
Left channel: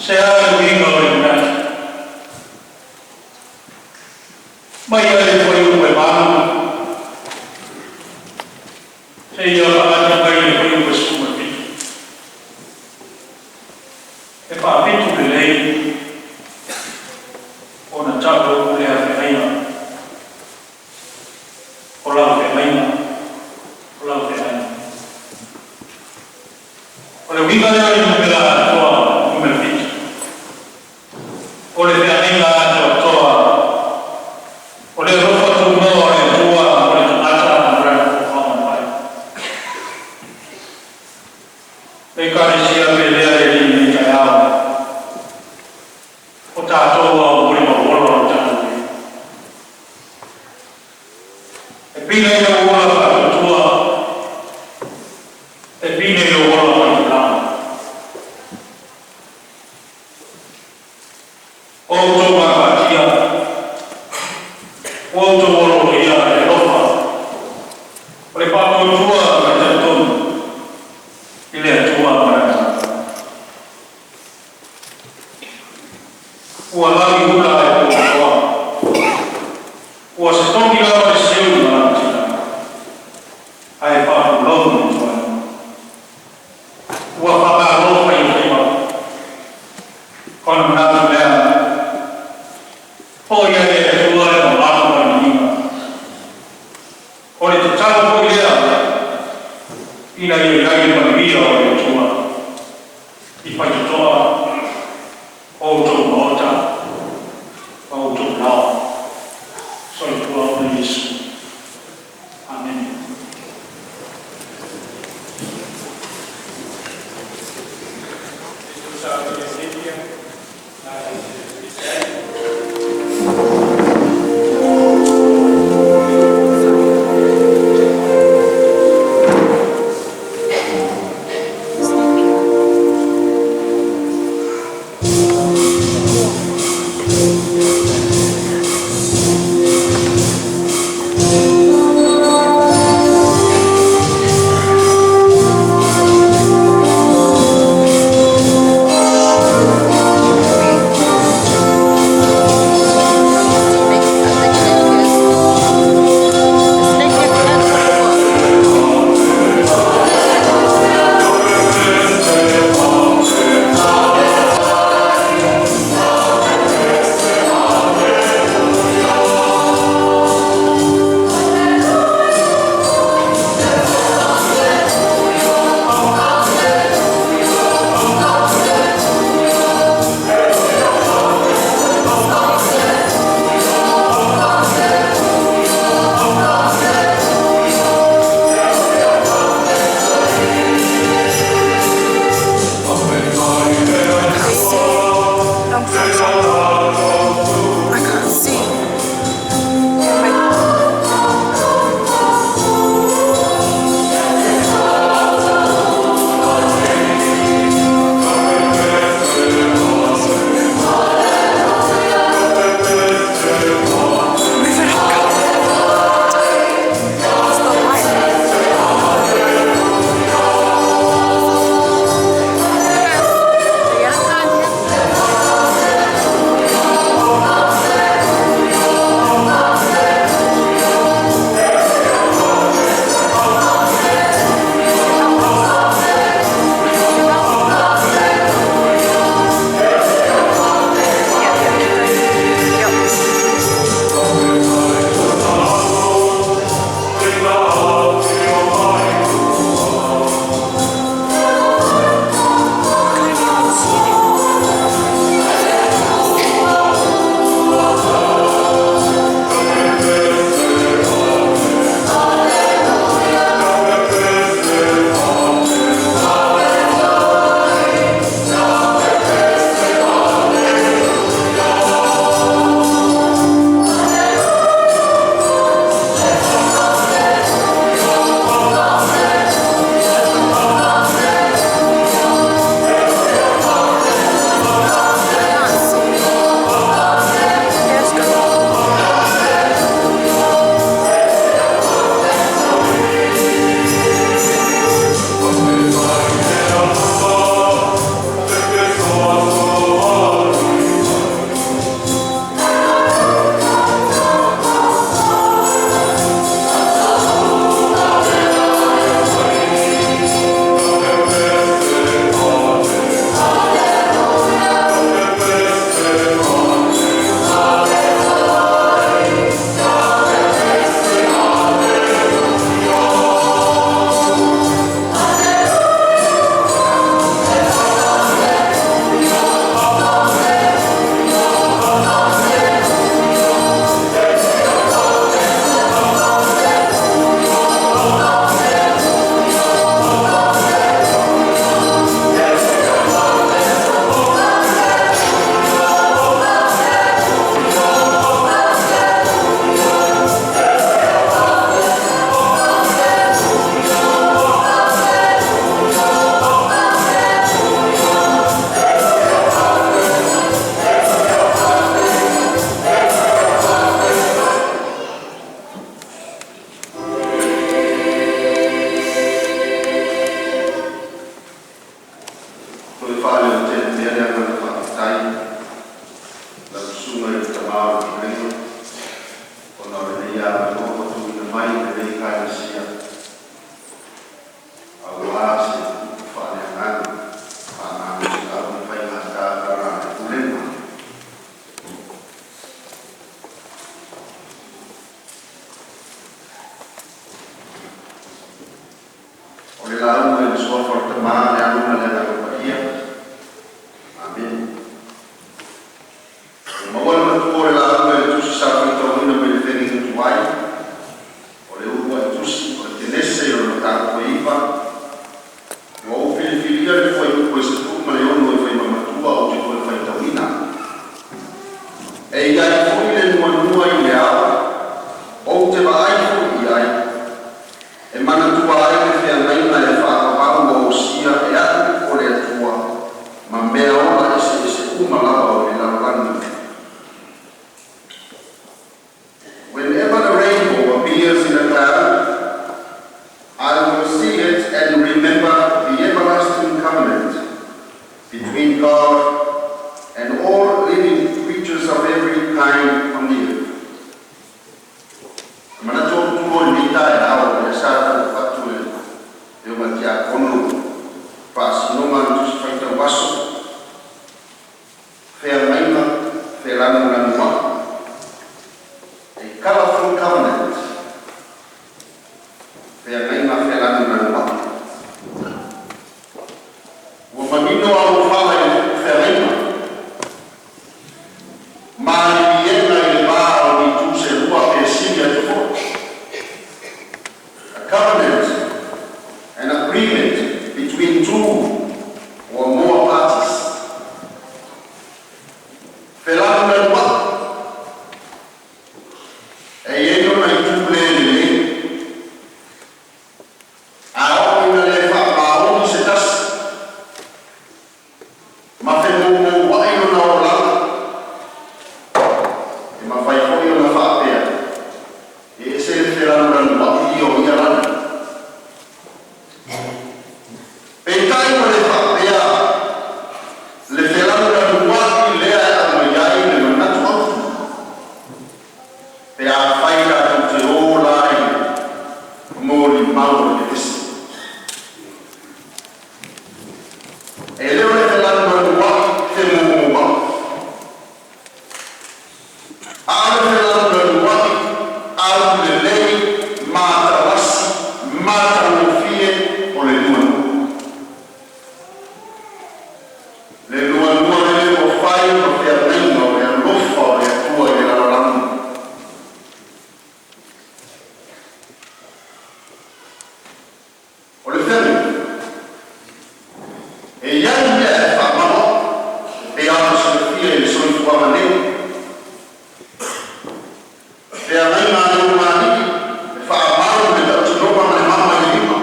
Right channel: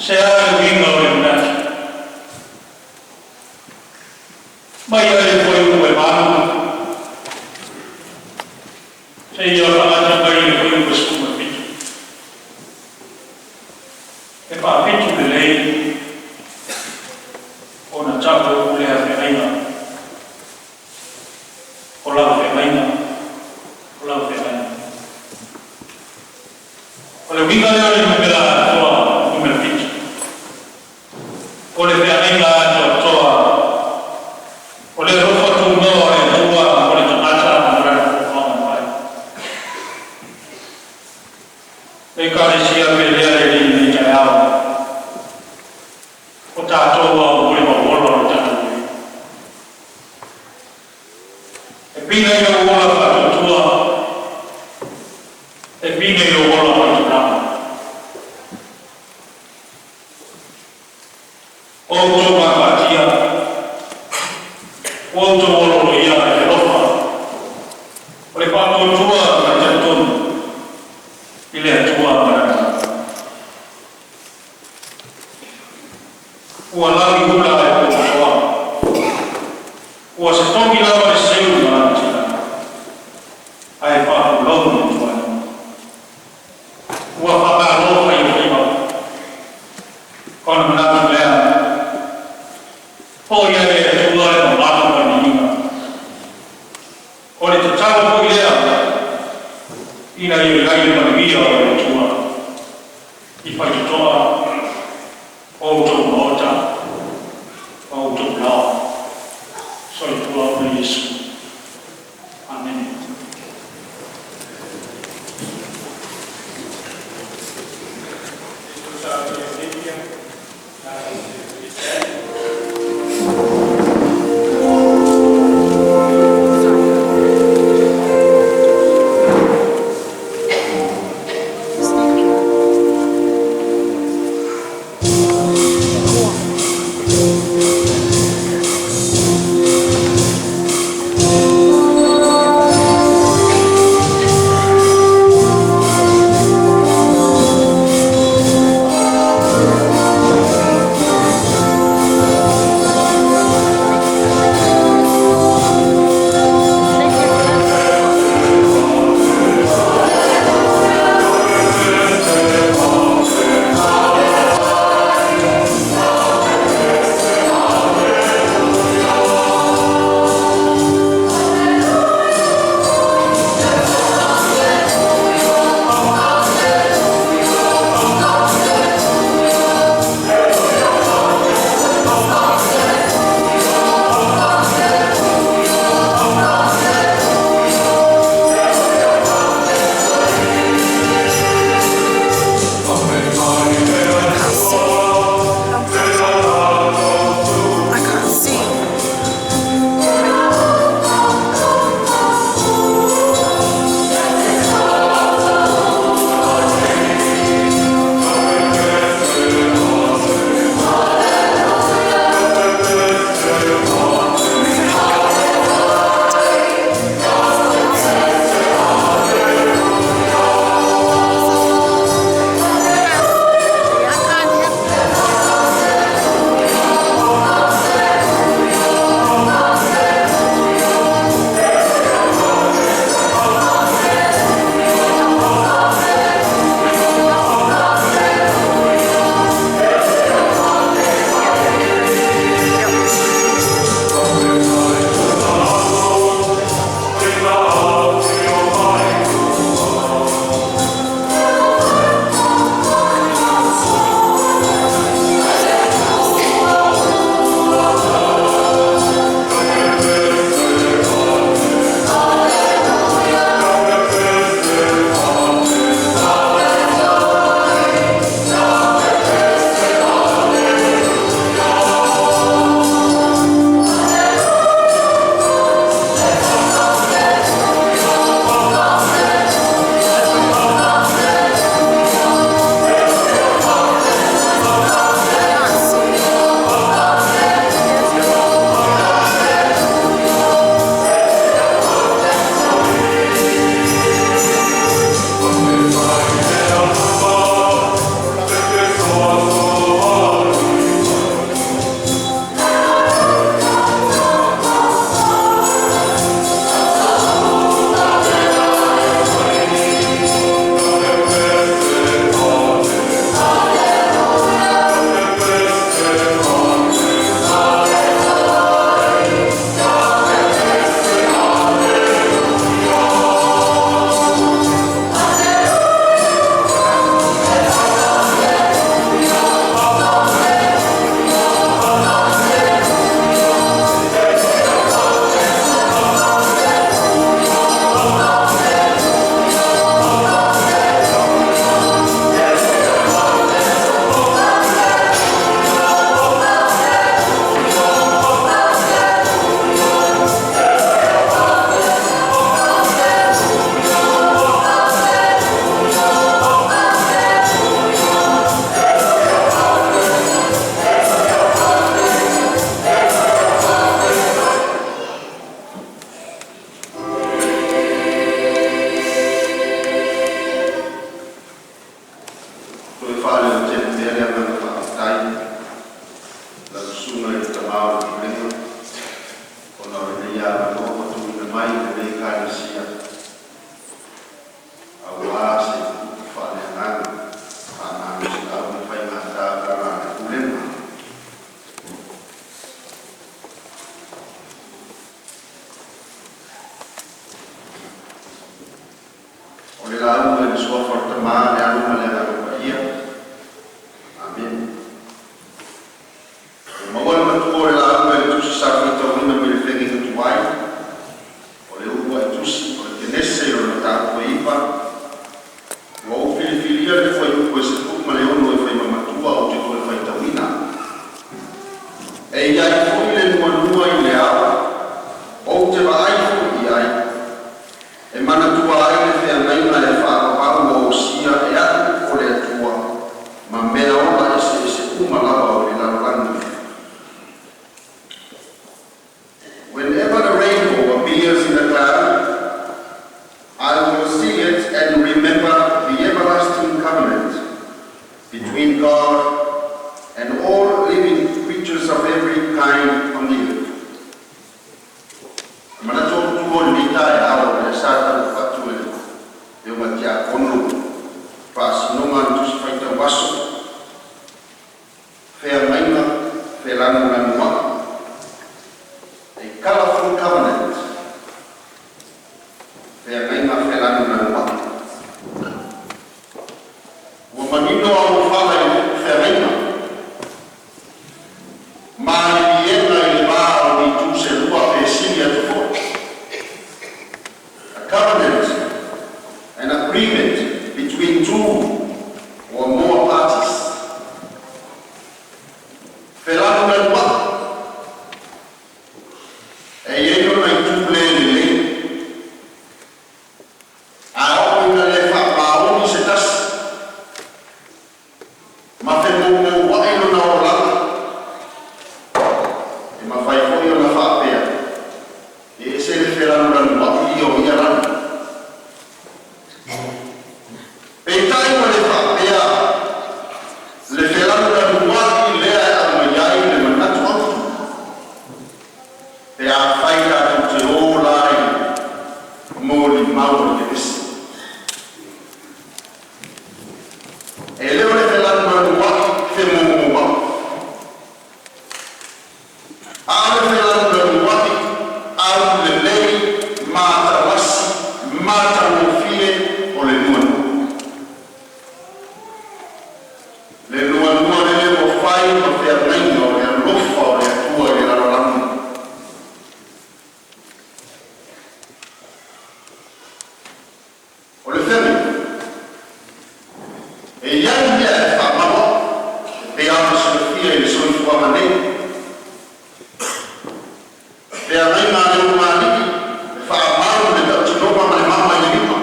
saya bingung ole na mai ale foi un bebano saya ada bayi foi un besuma e pa pitu le lei ona tapo le a feina ola feina ole winga le numera toa numero pitu ole feina toa ole rofa tu no ole tua ole tata ora fama pai e kare sia pelea le jaya o tato o boleh bawa tato e pina yo wala fa tua e pina yo wala fa tua o to ma patia o to o ia e rofa. O le pato tua mai te tonu. I le atua marata. Ua lagi hula e kua. Ua se toki lawa e seu marata. Ai pato lau ni tua. Ua whakaro i whima. Kona manatu lea. O ia e atua e o lako mai ni inga. O le te tau poi lea. Ina i o iai mai via o e atua. I pai te toa. O tō maota. O tō nao. So i tua o Yesu. Amen. o le lau e le sua forte mane a luna le la ia. Amen. Ma ora na tua le lau e tu si sa che torna per il feghi che tu hai, o le uva e tu si, o le tenesse o le tato e ipa, o filia le fai questo tu, ma le ono e fai mamma tua, o ti tu e fai tawina. E i ai fui le nua i le awa, o te va ai fui ai, e mana tua ai le fea meina le wha pau o sia e atu o le atua, ma mea ola e se uma lava o le lalanga. Whenever the rainbow appears in a cloud, I will see it and remember the everlasting covenant between God and all living creatures of every kind on the earth. Mana tō tuo ni tae ao e sātau whatu e o matia kono whaasinonga tusi whaita waso whea maina whea lanu lanu waka. A colorful covenant whea maina whea lanu lanu waka. Ua manino au whaka e whea maina maari iena i le maa o ni tu se lua pe sinia tu fo. A covenant, an agreement between two or more parties. Whelanu na lua. E ieno na i tu le le. A o ina le wha maoni se tasi. Ma whenongo wa ino na o lana. E ma whai hoi o na whaapea. E se le whelanu na lua i o ia rana. E tai ma le whaapea. Le whelanu na lua i lea e a maiai le manatu atu. E a whaira tu te o lai. Mōli mauro te esi. E leo le whelanu na lua te mōmōma. Ale whelanu na lua au le lei mata wasi, mata mofie o le nua. Le nua le le o whai o te ameina o le alofa o le atua i le raramu. O le whemi, e iai mea e whamawa, e ana se le fia i le soifu amanei. Pea mai ngā leo māniki, e whaamaru le tautinoma ma le mama i le lima.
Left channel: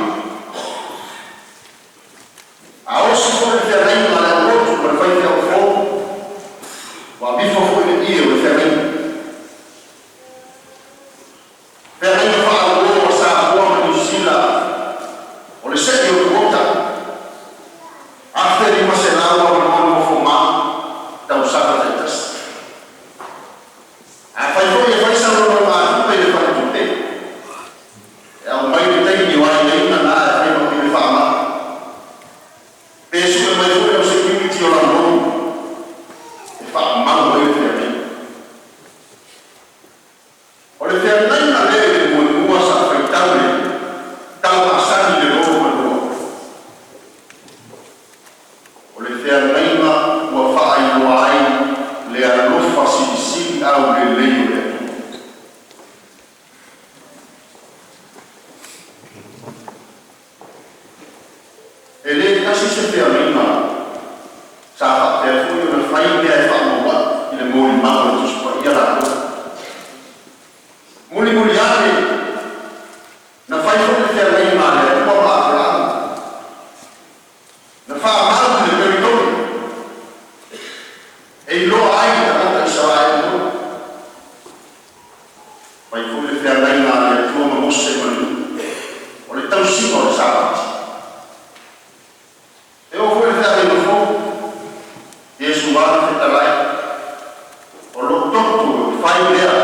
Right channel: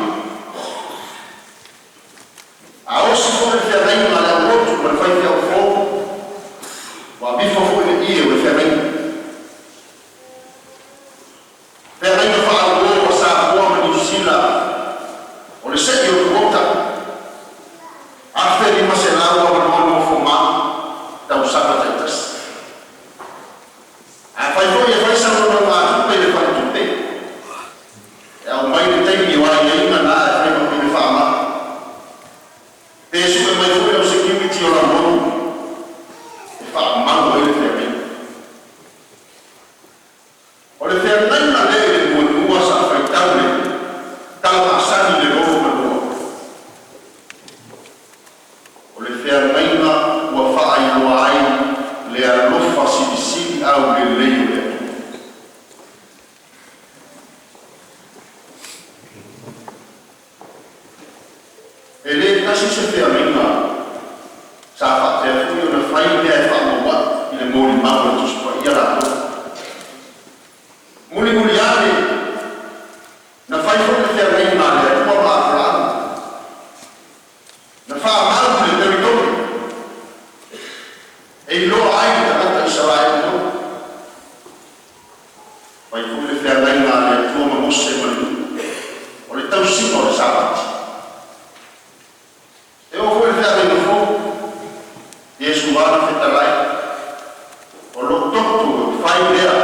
A osi fo le pea mai ngā leo rotu ma le whai pea o fō, wa bifo fo le ie o le pea mai. Pea mai ngā whaamuru o sa apua ma New Zealand, o le seki o le wota. After lima se lau a manono o fo ma, tau saka taitasi. A whai hoi e whai sanona ngā tupe le whai tupe. E au mai le teini o ai leina nā e whai maki le whaama. Pēsu e mai hoi au security o la monu. E whaamau e le whea mei. O le whea naina le le mua sa whai tau le. Tau asani le loro manua. O le whea naina ua whaai ua ai le alofa siri au le leio le atu. E le kasi se whea meina sa whaatea fui o na whai mea e whaamaua i le mōri mau e tuspa i arato. Muli muli ane na whai fui le whea meina le atua maa prāna. Na whaamaru le peritoni. E i loa ai ta kata i sarai mo. Vai fui le whea meina le atua ma mose manu. O le tau sima o le sabati. E o fui le whea meina fo. Iesu wana whetalai. O lo totu o whai lea.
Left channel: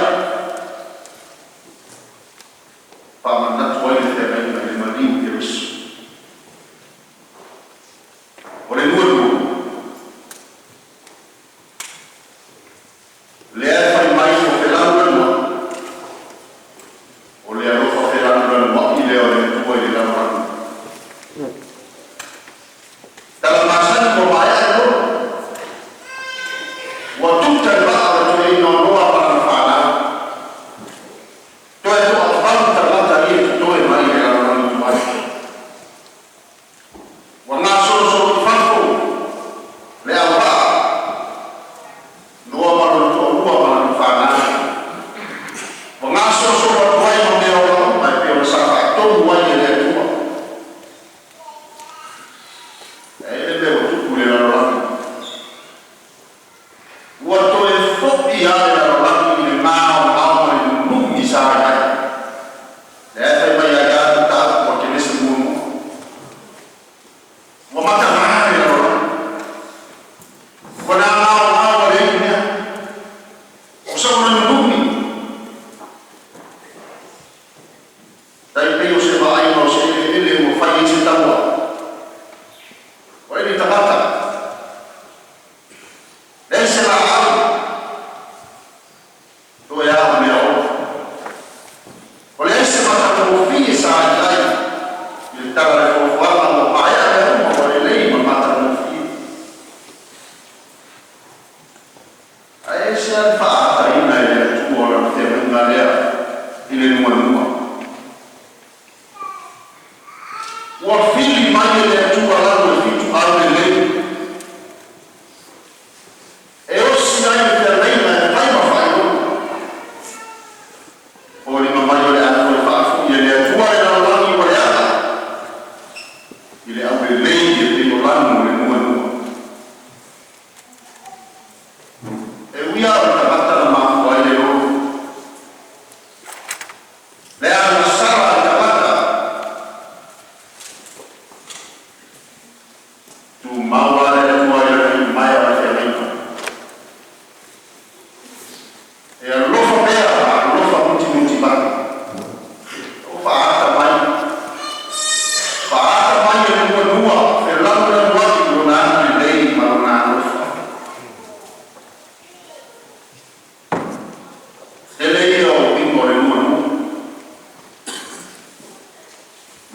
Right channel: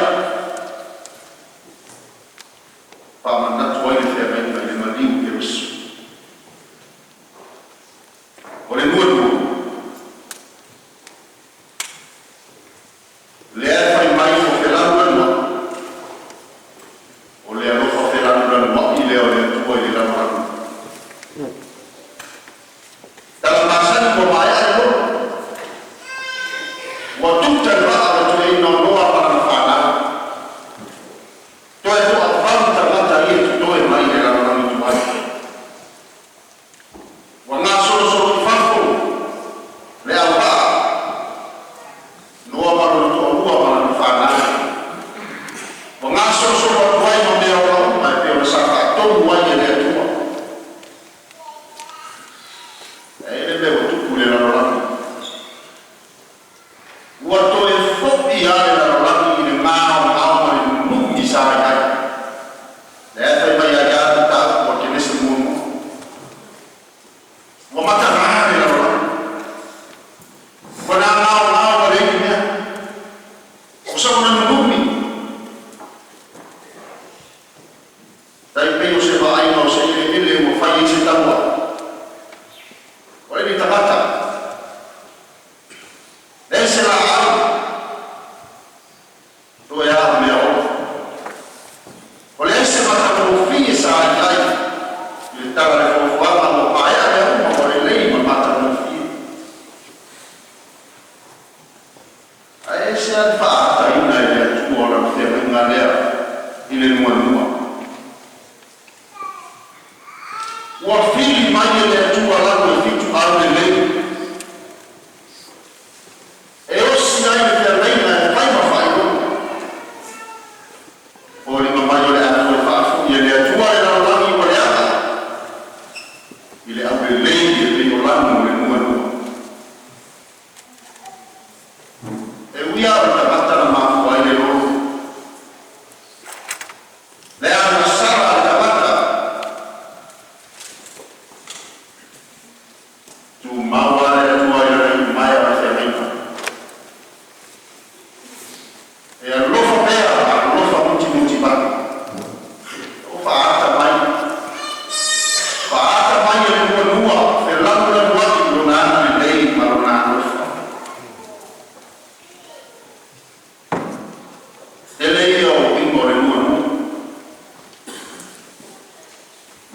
Whamanatu ai le whea meina le maniu ke risu. O le nua nua. Le e whai mai o whelanu anua. O le alofa whelanu anua i leo le tua i le raranu. O ngā soso wa tuai no mea o mai pe o sa whakatonu wai e lea tua. E le o tuku le rarorani. Ua to e whopi a le rarorani i le mao mao le nuki sa ai. Le e whai mai a gātu tātu wa ke nese muamu. Ua mata maa le rarorani. Ua nā mao wa le i mea. O sa una numi. Dai peo se va ai no se ele mo fai se taua. O ele tapata. Ese la ai. To e a me o. O le se mata mo fi sa ai. Il tava le fo fa mo pai a mo le lei ma mata mo fi. A ese al fa ta ina le tu ora te venga le ile no. Ua fili mai e le atua lalo e fitu au le lei. E osi ai le te reina e whai mawhai o. O le mamai o le atua e whaafu i le atua e rao langi o le ata. I le au le lei e te o lanu le mua nua. E uia o ta bata na mafu ai le roru. Le ana sara ta bata. Tu maua le tua i rei mai a te reina. E a lofa pera, a lofa muti bani. O whaata mai. Whaata mai e nua, e lambra nuaki o nā anu lei ma o nā lofa. E lei o ingo le nua.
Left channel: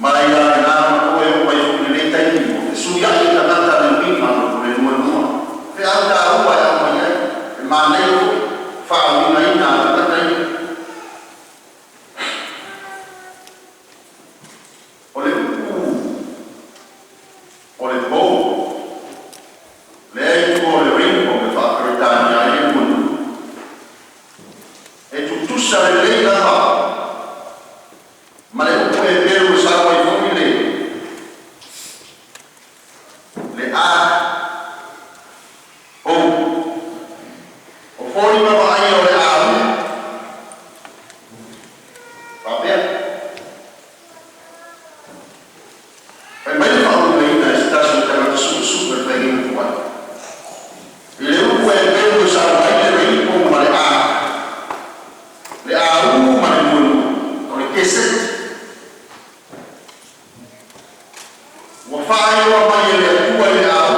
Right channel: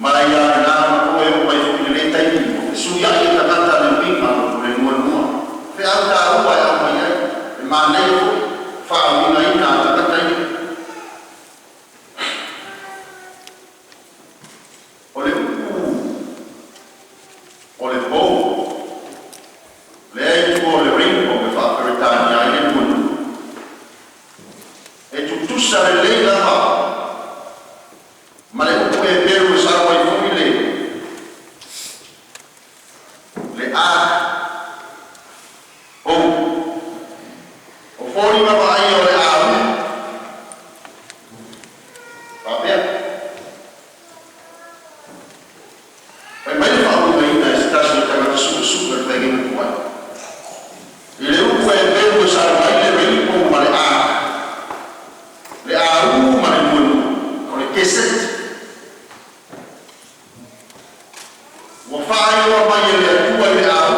Mai a e nā koe o pai fuki le taimi. E sui ai e takata le wima o le nua. Fe au tā ua e au mai ai. E mā nei o whao ina ina a takata i. O le uku. O le bou. Le eitu o le ringo me whakaretani ai e nua. E tutusa le lei la hao. Ma le uku e peru e sarwa i fumi le. Le a. O. O fori ma vai o le a. Papea. Pai mai le whau me ina e stasi o tangata super tegi me kuai. I le uku e peru e sarwa i le ringo ma le a. Le a u ma le munu. O le keset. Ua whae o mai e le atua le au.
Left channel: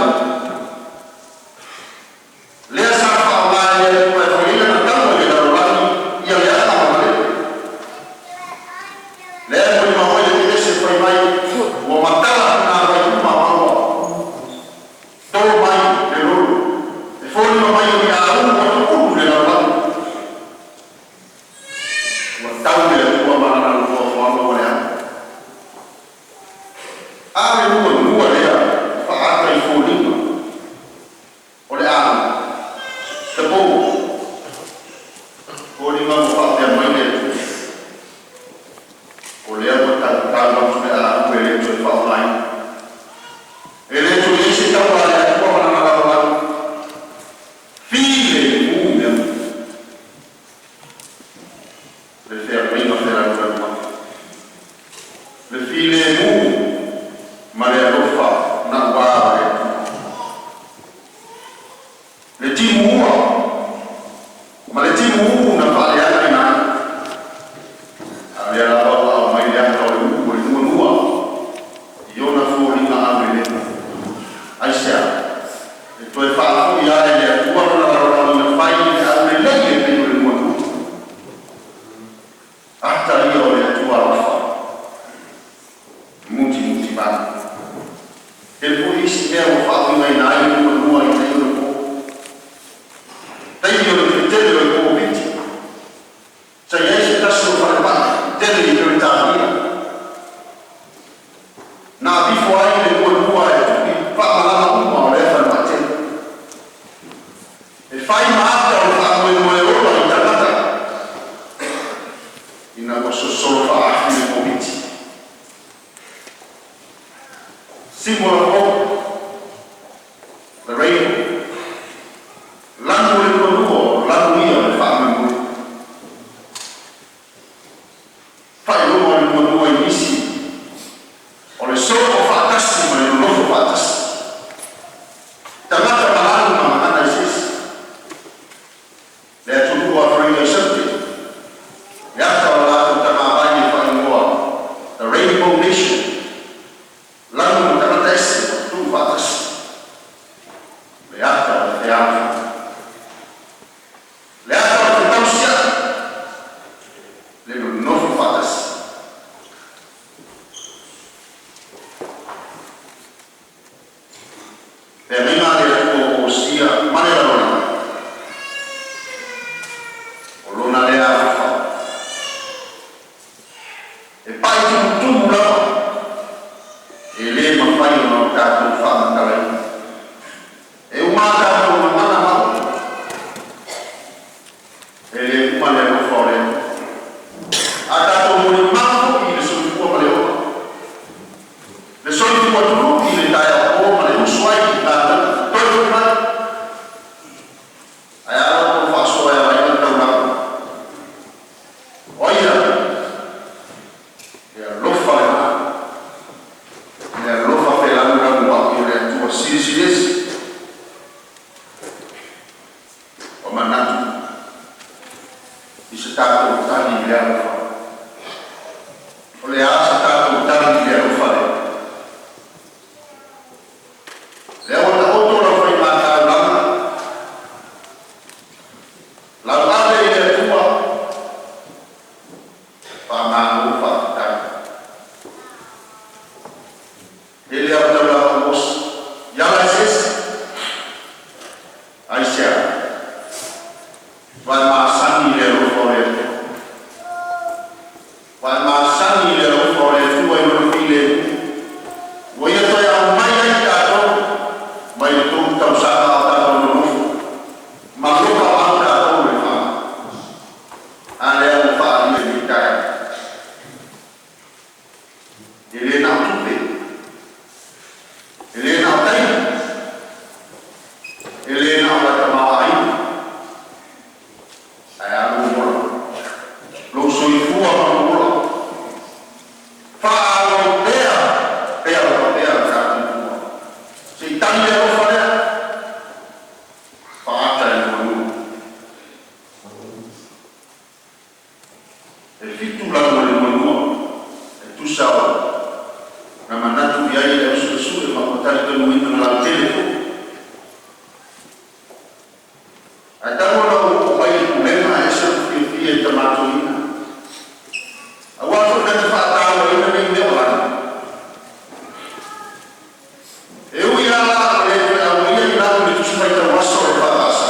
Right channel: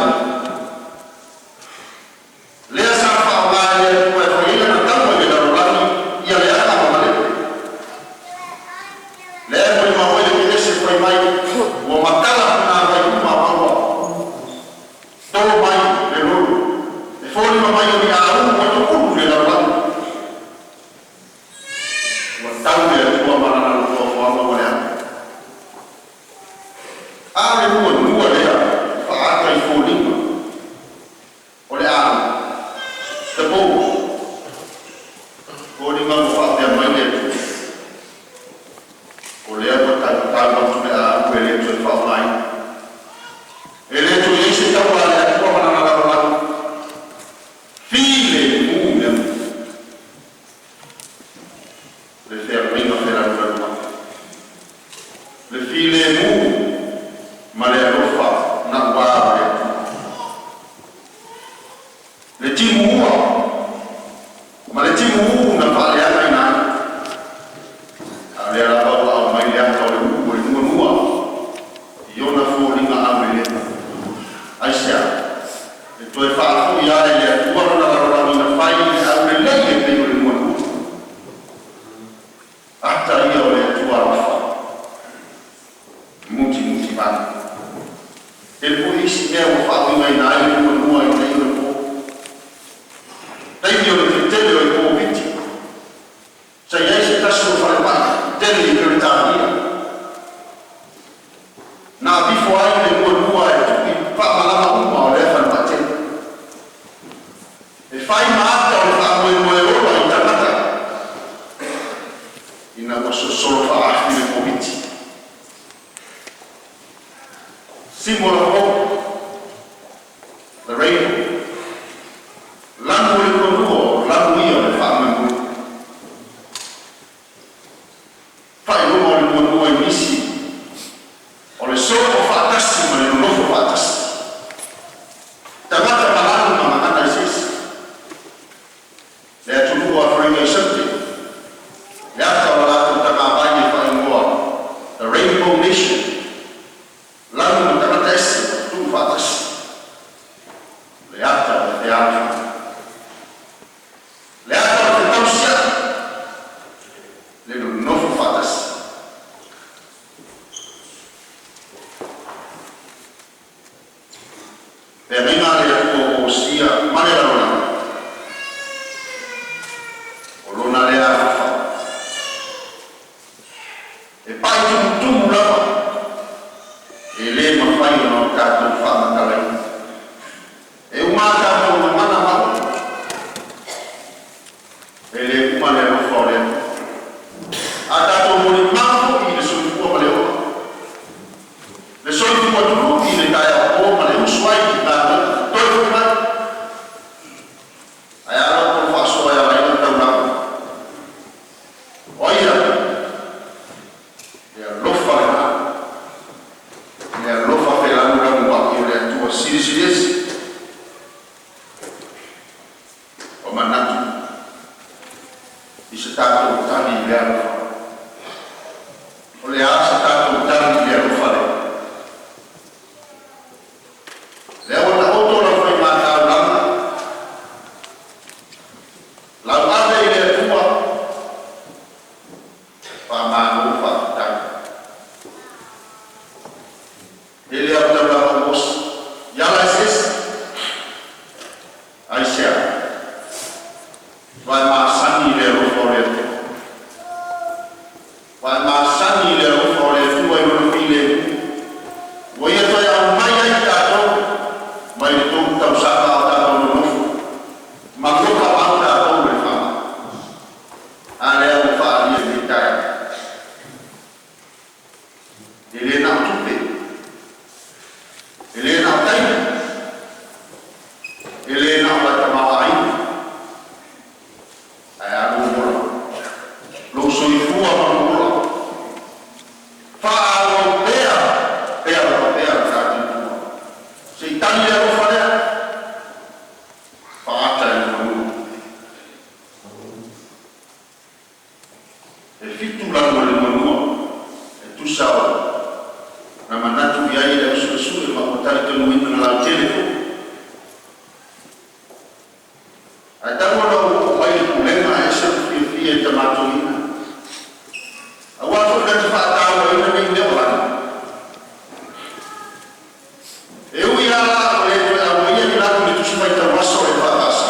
Lea sa whao mai e le atua e whaila na tamo e le darolani ia le ata ma male. Lea moi mahoe le kese whai mai ua matala na vai uma maua. Tō mai le ruru. E whori ma mai o le au ua tukuru le darolani. Ua tau le atua marana na tua whaama le ata. Ale nua lea, whaata i fōlima. O le āu, te pou. Fōlima mo whaatea mai le tu. O lea mo tāu matu le āu e le tu e whaolai. E le tu i se tau a le atua mana ngara watu. File i mea. Le whea reina whera ura matu. Le file i ma le alofa na wā le timu ua ma le timu ua na whale ana i nā a le ala au au mai le ata o le uku o le nua i ona fōringa au i le aisea e toi whaafu i ale le atua rona rarorau na whai i au le lei e pei o le nua ata ia o le atua rafa muti bani. E polisi mea o whaawi mai nā i nua i nei o le pō. Teimi o le tele o le pō piti. Sa iei se tasu o whare pai, tele i kere tāhia. Nā bifo ai le nua e tuki whaamalama uma o le whare pai tele. E whai maata o le whaamoe moe ola i tanata. ina ua sosolo fa'afi le komiti simola o the rain langu le konuo langu ia le fa'amamu fa'ailoa le konuo i nisi o le solo fa'atasi ma le lolofo fa'atasi tangata malalu ma manana isisi le atunua afrainga isante le ata o la'atu taga'ava'i e fa'ailoa the Rainbow Nation langu ma tangata ese tu fa'atasi le ata o le teatu le ata o te tausia le lolofo fa'atasi e mina le atu o sia mane la lona o lona le afa e pai tumutumu lava e le mawhai o nao kātou whāmakalai e uma kātou na mana mau e le uma le rofa o le a kātou mo le mako i le soifua ma le oa le soifua tulu i le tae o ma le usuai ki tātou toi kuma ai ala ko whasoa e awai na tau nao oia le alofa le maa le alofa pe lamu waki o le atua sirisi o manatu i se tātou tani i le alofa o le asa tātou tani i le alofa le o na oto la whai mātau lana lau ave i le atua whamāngu whakatau e le au tau lau mos yala ses aisea vai māsani i le rofa o le atua vai māsani i le rofa o le atua i rona pile o ia toi au mai ai tātou mai le tōku tau sāka o tātou no nofo ma loka o au tātou le wha a le au wha i e mi kai e le nao tupe e le nao taina e le nao lata mawa ai ai alu mora lo soifua ma mora wha alo pea pea tātou se tani le rofa lea whaata e manu e fitu langu le manua e tusao na manatu i ai le usu e makotari tanu ina na lau telefo ai tanu ala o wai kulenga e se ufi e tamato ina a wato kata whaata ina nei leo lana e ui ala le awia i laku le tusi mai tau waso e whaatasa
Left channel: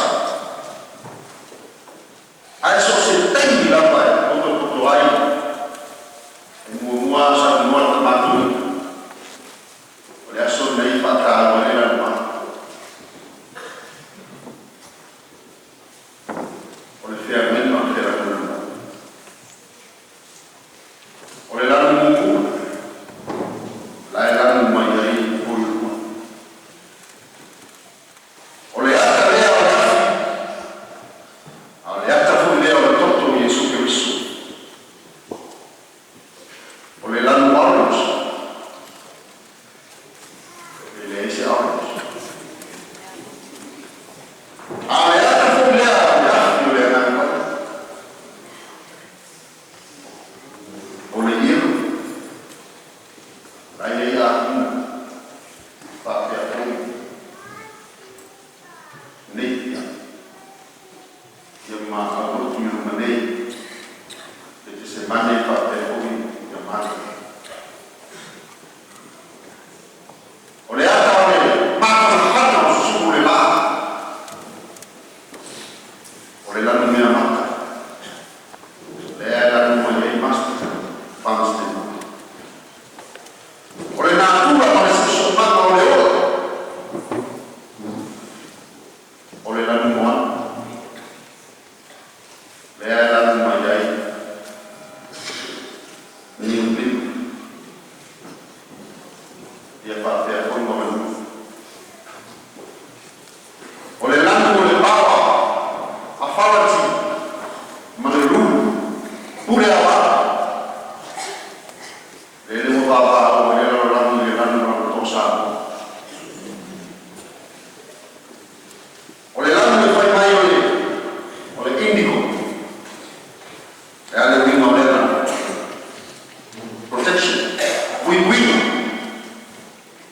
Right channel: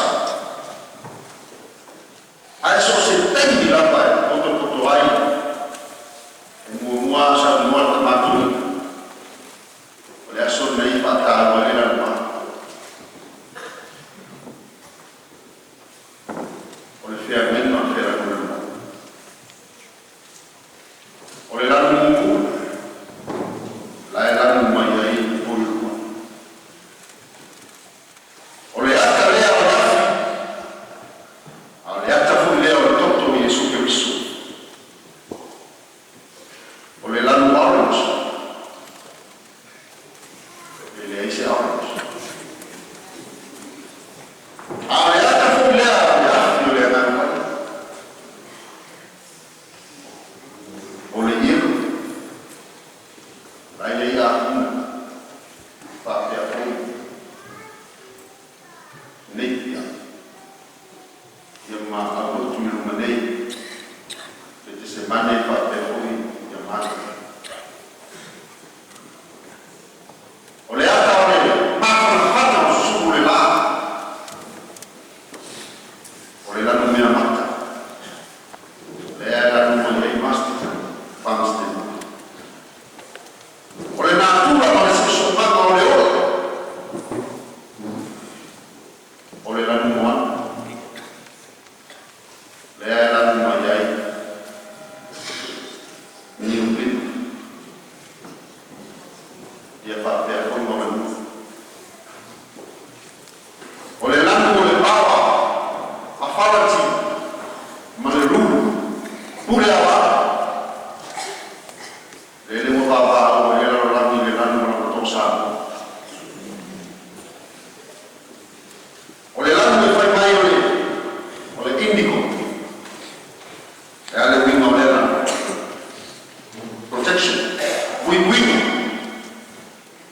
ai so se teimi lapa e koto ai e mua sa mua tamatu o le aso nei whaataro e la lua o le whea mena o le whea kona o le lana pure awa le mo baba o le lanu na tosa o le lanu me fai mai o le indico e ale winga o le lanu protection win-win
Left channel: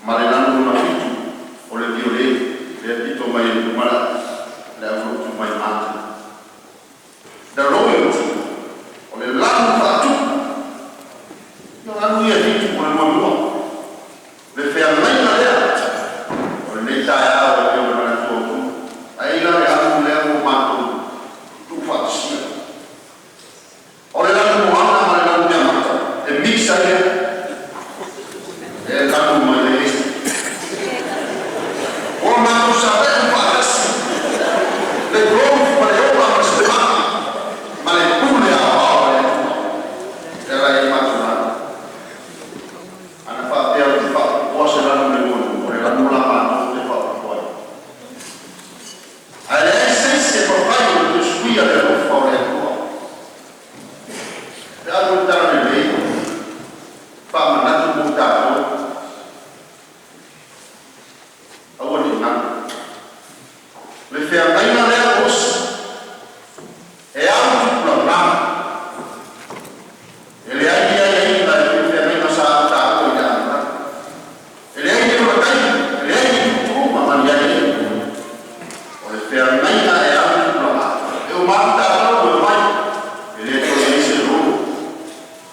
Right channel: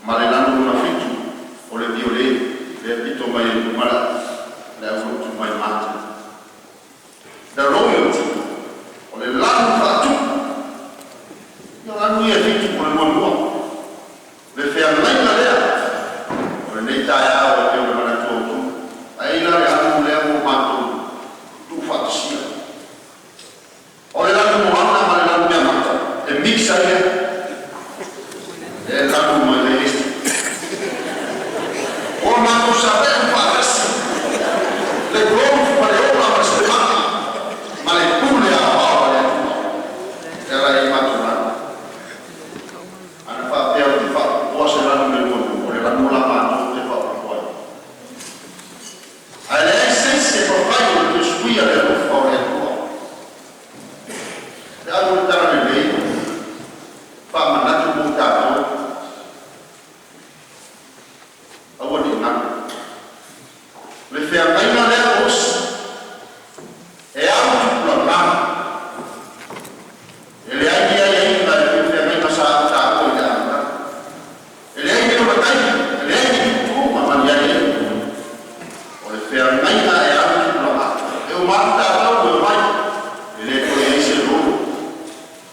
ma le lanu na fitu o le viole le pito mai mala le avuto mai mate the royalty o le lanu fatu no lanu ia fitu o le mua le fea mai na lea o le nei tae a o le mana tuotu ai la le anu lea mo mato tu fatu sia o le lanu moana ma le lanu mea mata e mixa le e lanu ma le este o mato sabe un patasi le globo ma le ola ma se mata ma le pule a paola le e la e mato nana ana fa pea di fa o se lanu le mono o le lanu la mato le fa poi alle essenze proprio che squia le fa le e allora lei fa mandato buttato a vuol dire le fea baina le os e altro programma e le hai la le fea baina sa ta o ya e le hai lo dai e le hai tu ma mangiare o le fea baina e altro programma e o marta o mai e le to ese loro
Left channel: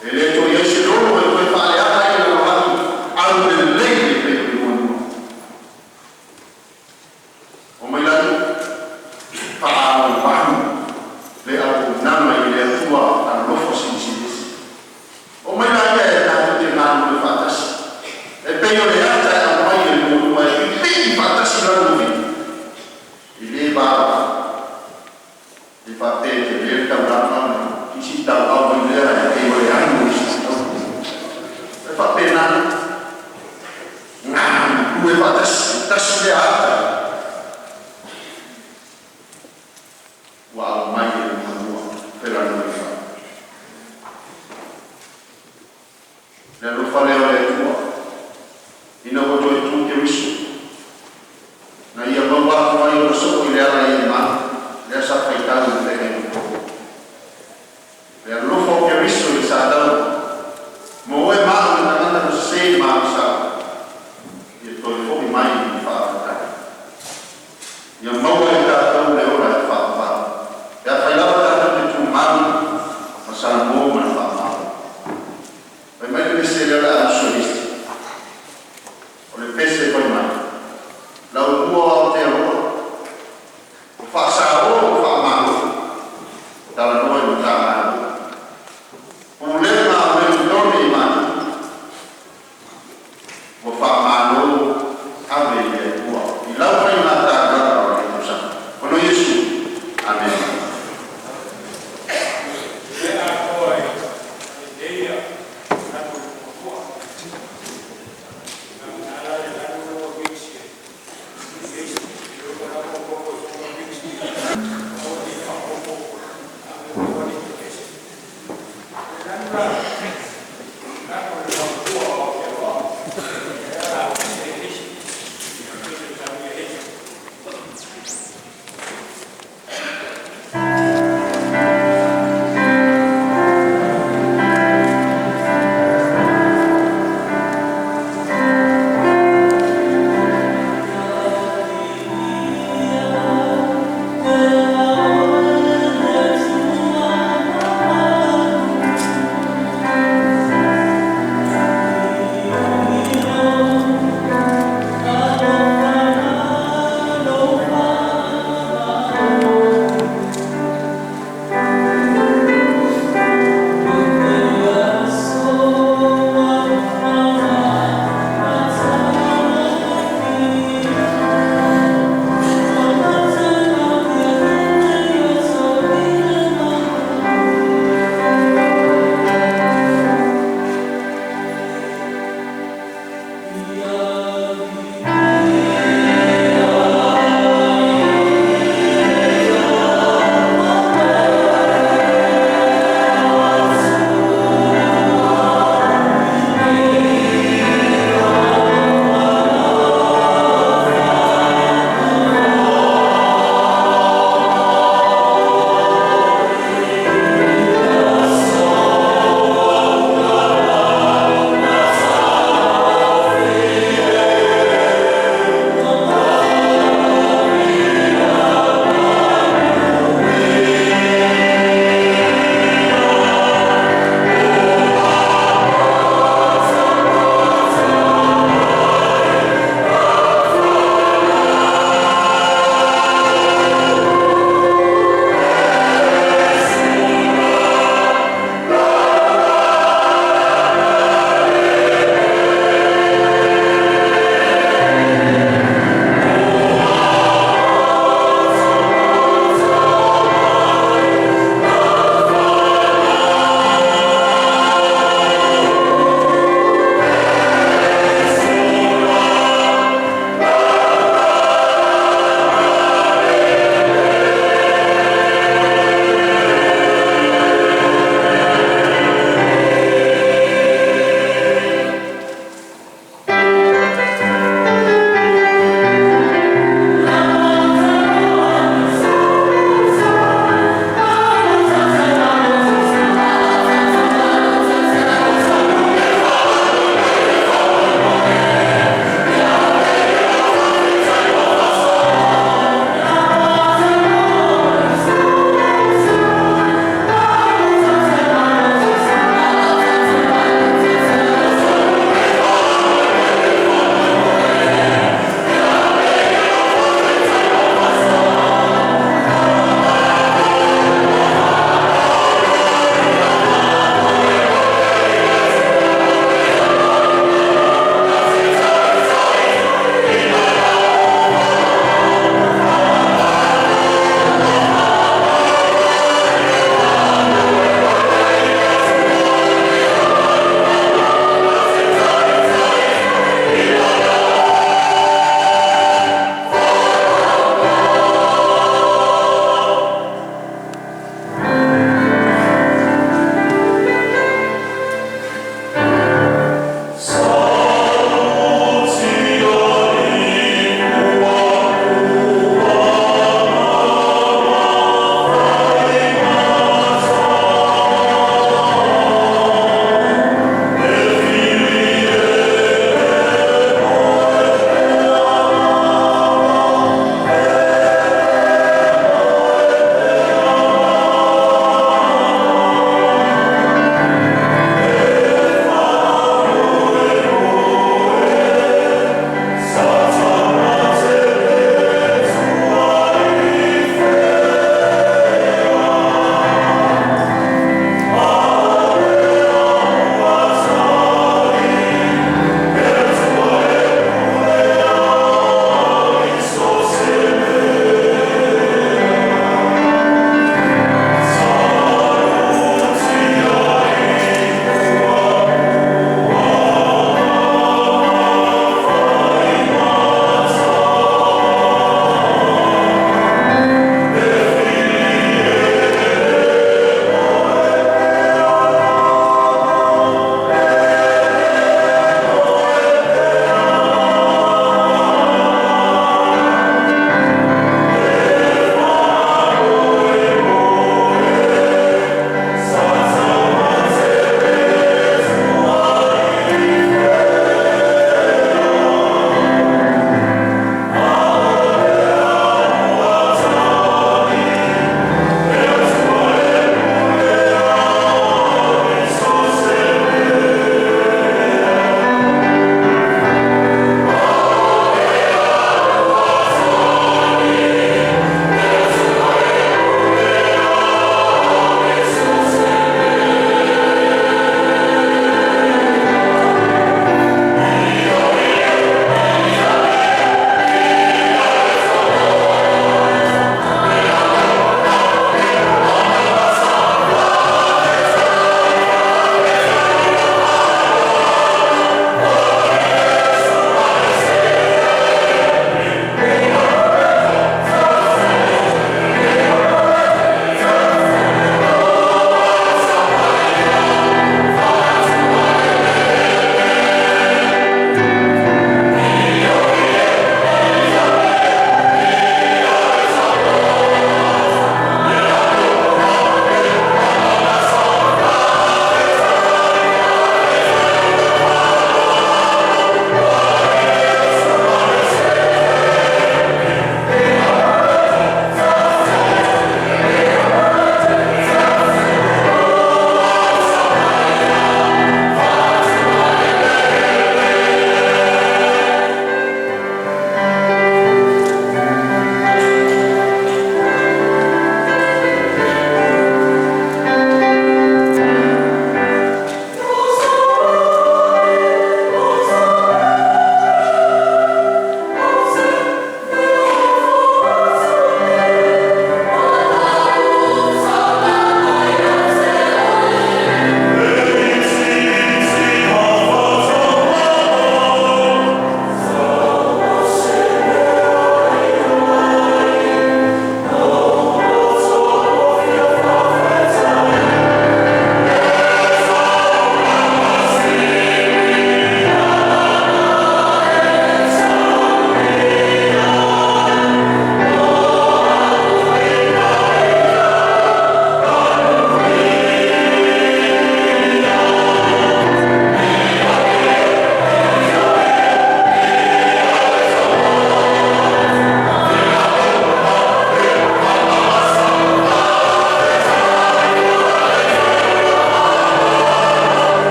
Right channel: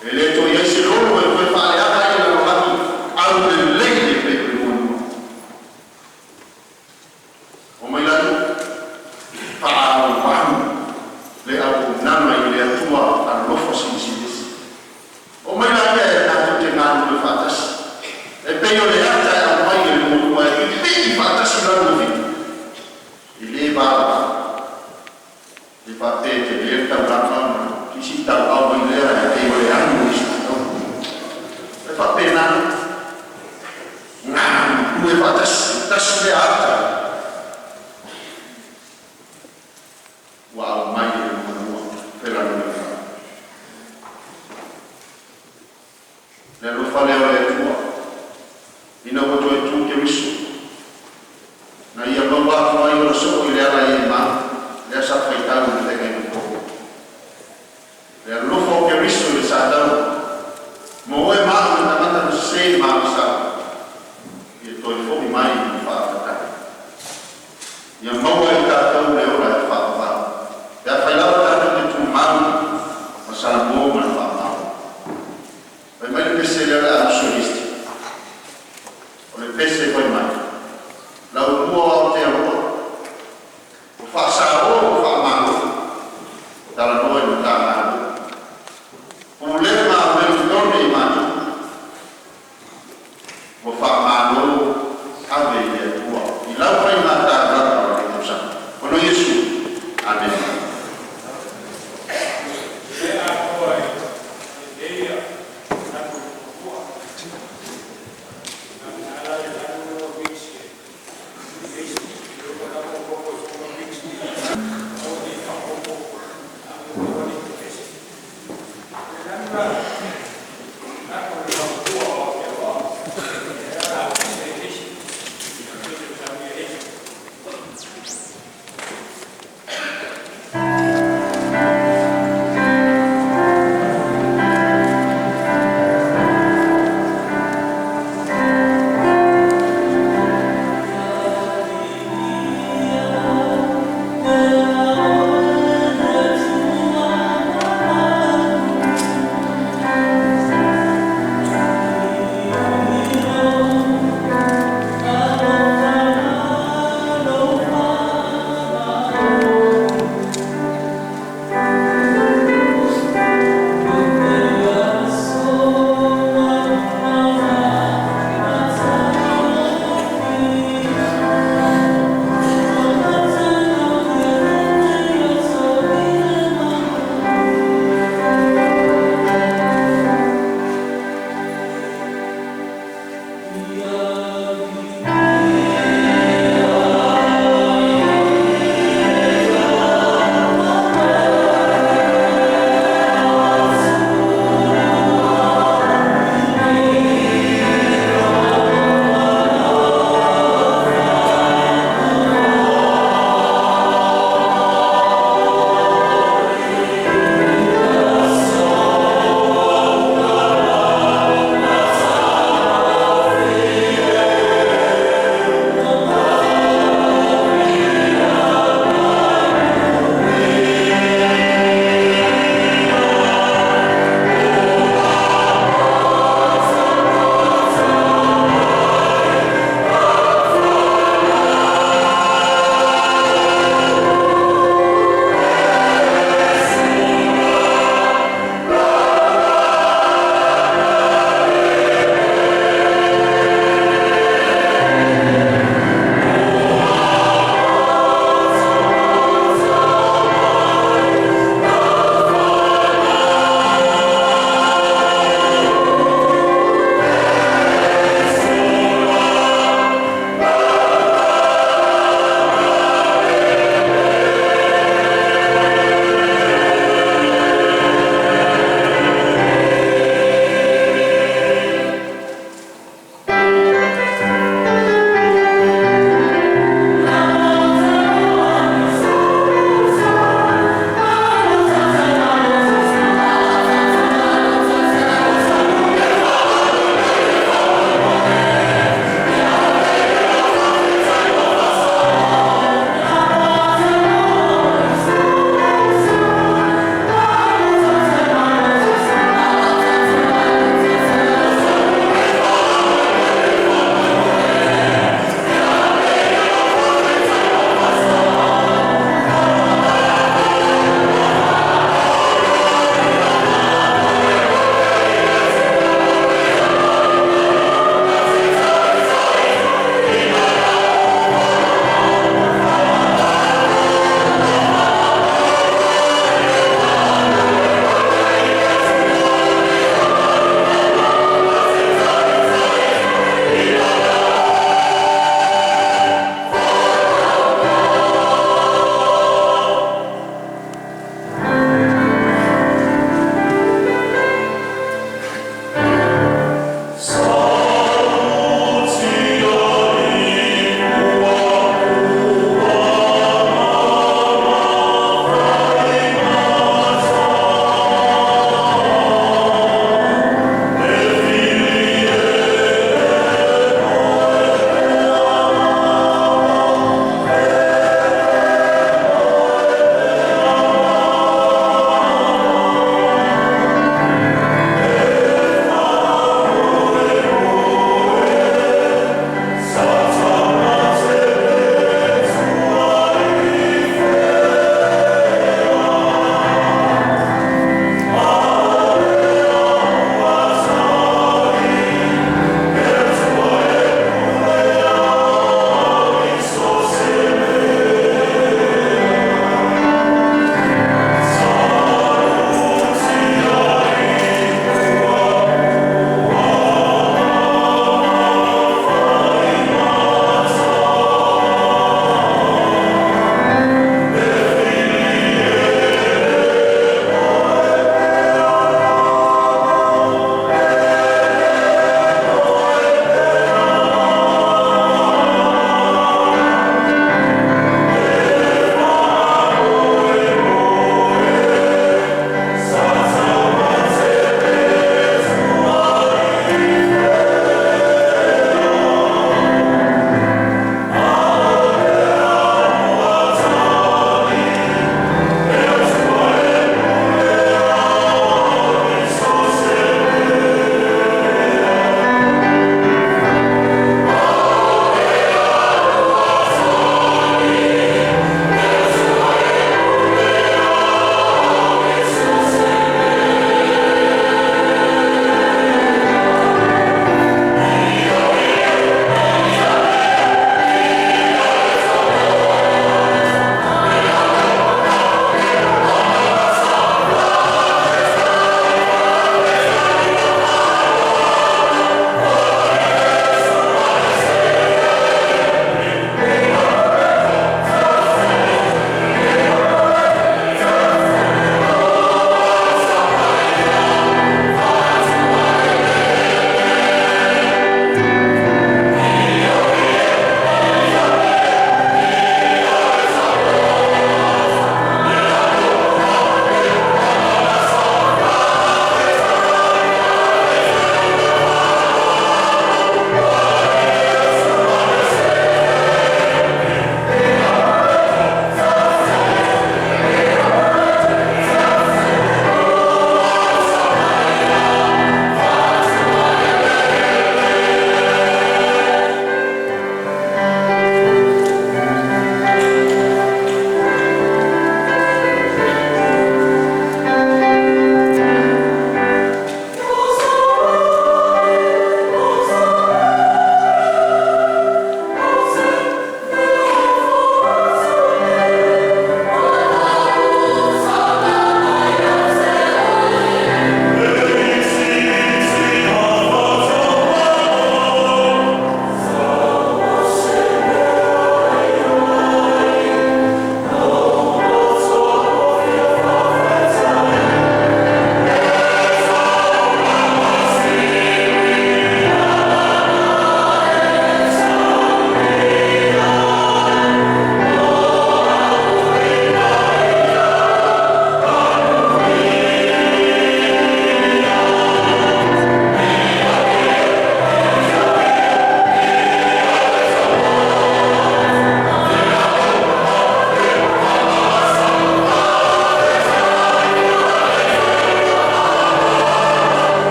e le to ese loro e poi fare a fare la mano al lei per il mondo o mai la fa un pan le a nana e le tua al lofo sinisilis o mai la che è la che nana le fatas e poi le altre a mai il mondo e i fatas la nuovi e le va di parte che le sta brava chi si sta a vedere e le hanno e fa pena due fatas le altre wow mai il mondo per la novità le lo fa le tua in un modo tu che visto na ia non va mai lo so che le ha in mano le sa faitare un terreno le lo fa che visto che sa da mo è male na manda lo sei ma sa e to il fuoco mai mi fa io non voglio da le ore fa e a fai la volta tu mano ma sarà buono ma fa male e meglio che sia la solista o le pesse poi mai la nuova teoria o fa sa o fa male dalla noi non fa male problema del giorno di mano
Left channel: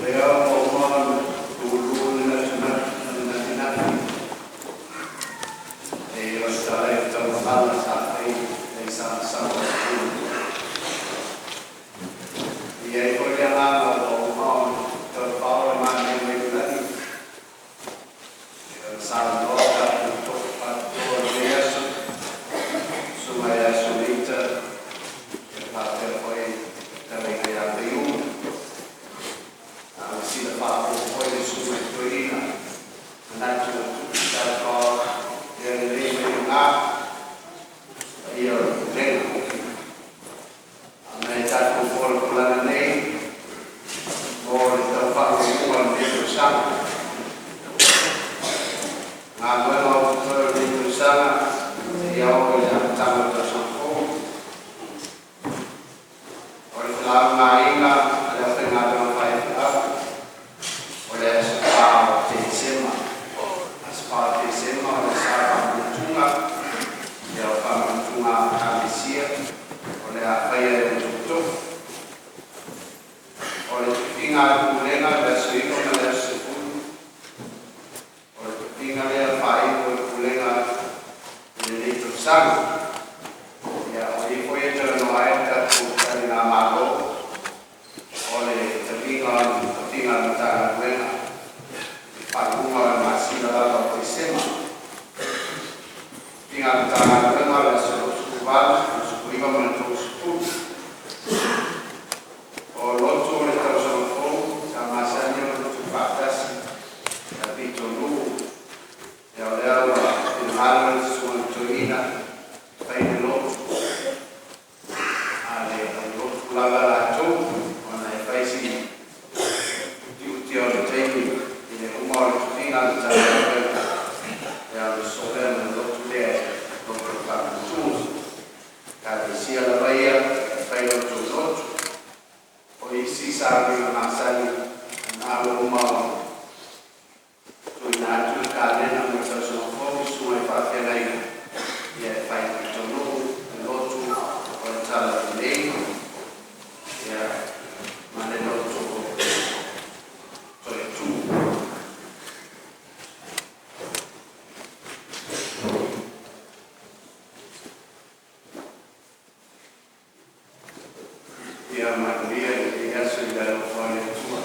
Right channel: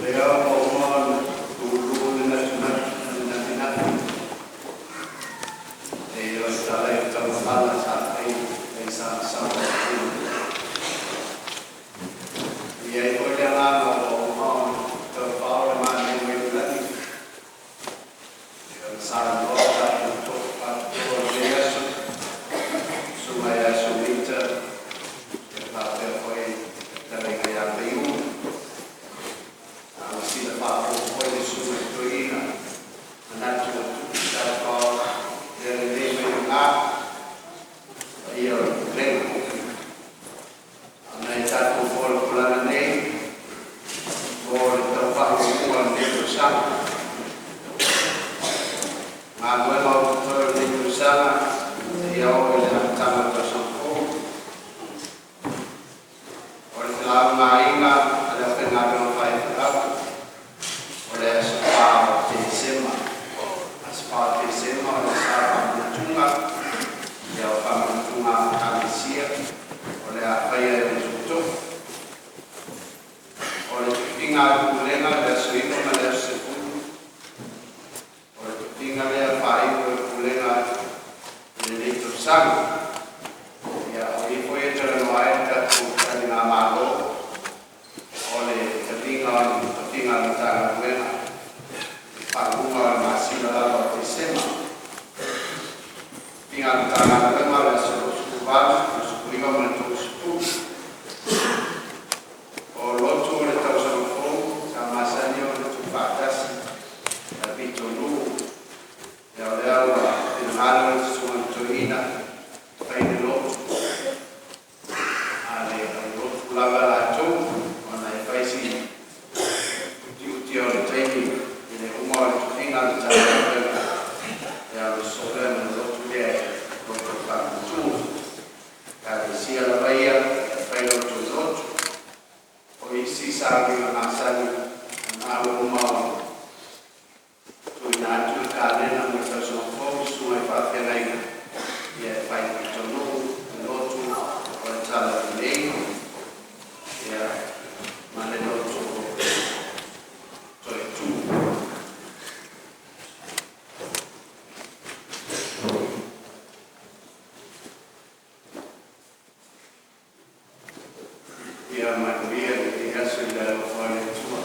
Leo Omon, dulu nasional. Yo estaré trabajando en San Francisco. Y ahí voy a hablar con Omon, todo el más de mi vida. Yo salgo para todo el día, sumaya subita, que parte fue también allá de uno. Si la parte fue de su historia, andando todo el día de una, y yo tengo. Analitzar conforme con la ley, por el trabajo con el libro sana. Ma nuevo todo el libro sana, y ahora ya estamos en San Juan. Por el lado Marina, la pena de los países, por eso para Tizema, as para Tizema, la sala de Tunga, y el para Tunga Camicia. Oleh apa yang dibutuh, oleh tinggal kulengar dan sehingga menjadi sepuluh, oleh tinggal yang baik kulengar ini tersang, ya oleh poin jalan lain dari nama lo, oleh tinggal tangan kulengar, panggungan masih dalam bersama, tinggal tangan kulengar dan seluruh kubah. Prima menentukan sepuluh. Kalau tu boleh tahu sepuluh, sama saja untuk batas. Tapi dulu, ya Allah, firman Tuhan Tuhan, baik dulu. Ada dulu laga laju, mana faisi, uti orang Tuhan, ini umur Tuhan jangan yang seorang menurut dia untuk bantu. Kada sia la baia, fai lo tutto, poi si sabe una masani, nalo umao, tu inatu kane na muita sono fogo su e fate lei, e fai tutto lo tu, poi tala lei, e mane lo tu, tu. Dia manusia yang sudah oleh Tuhan.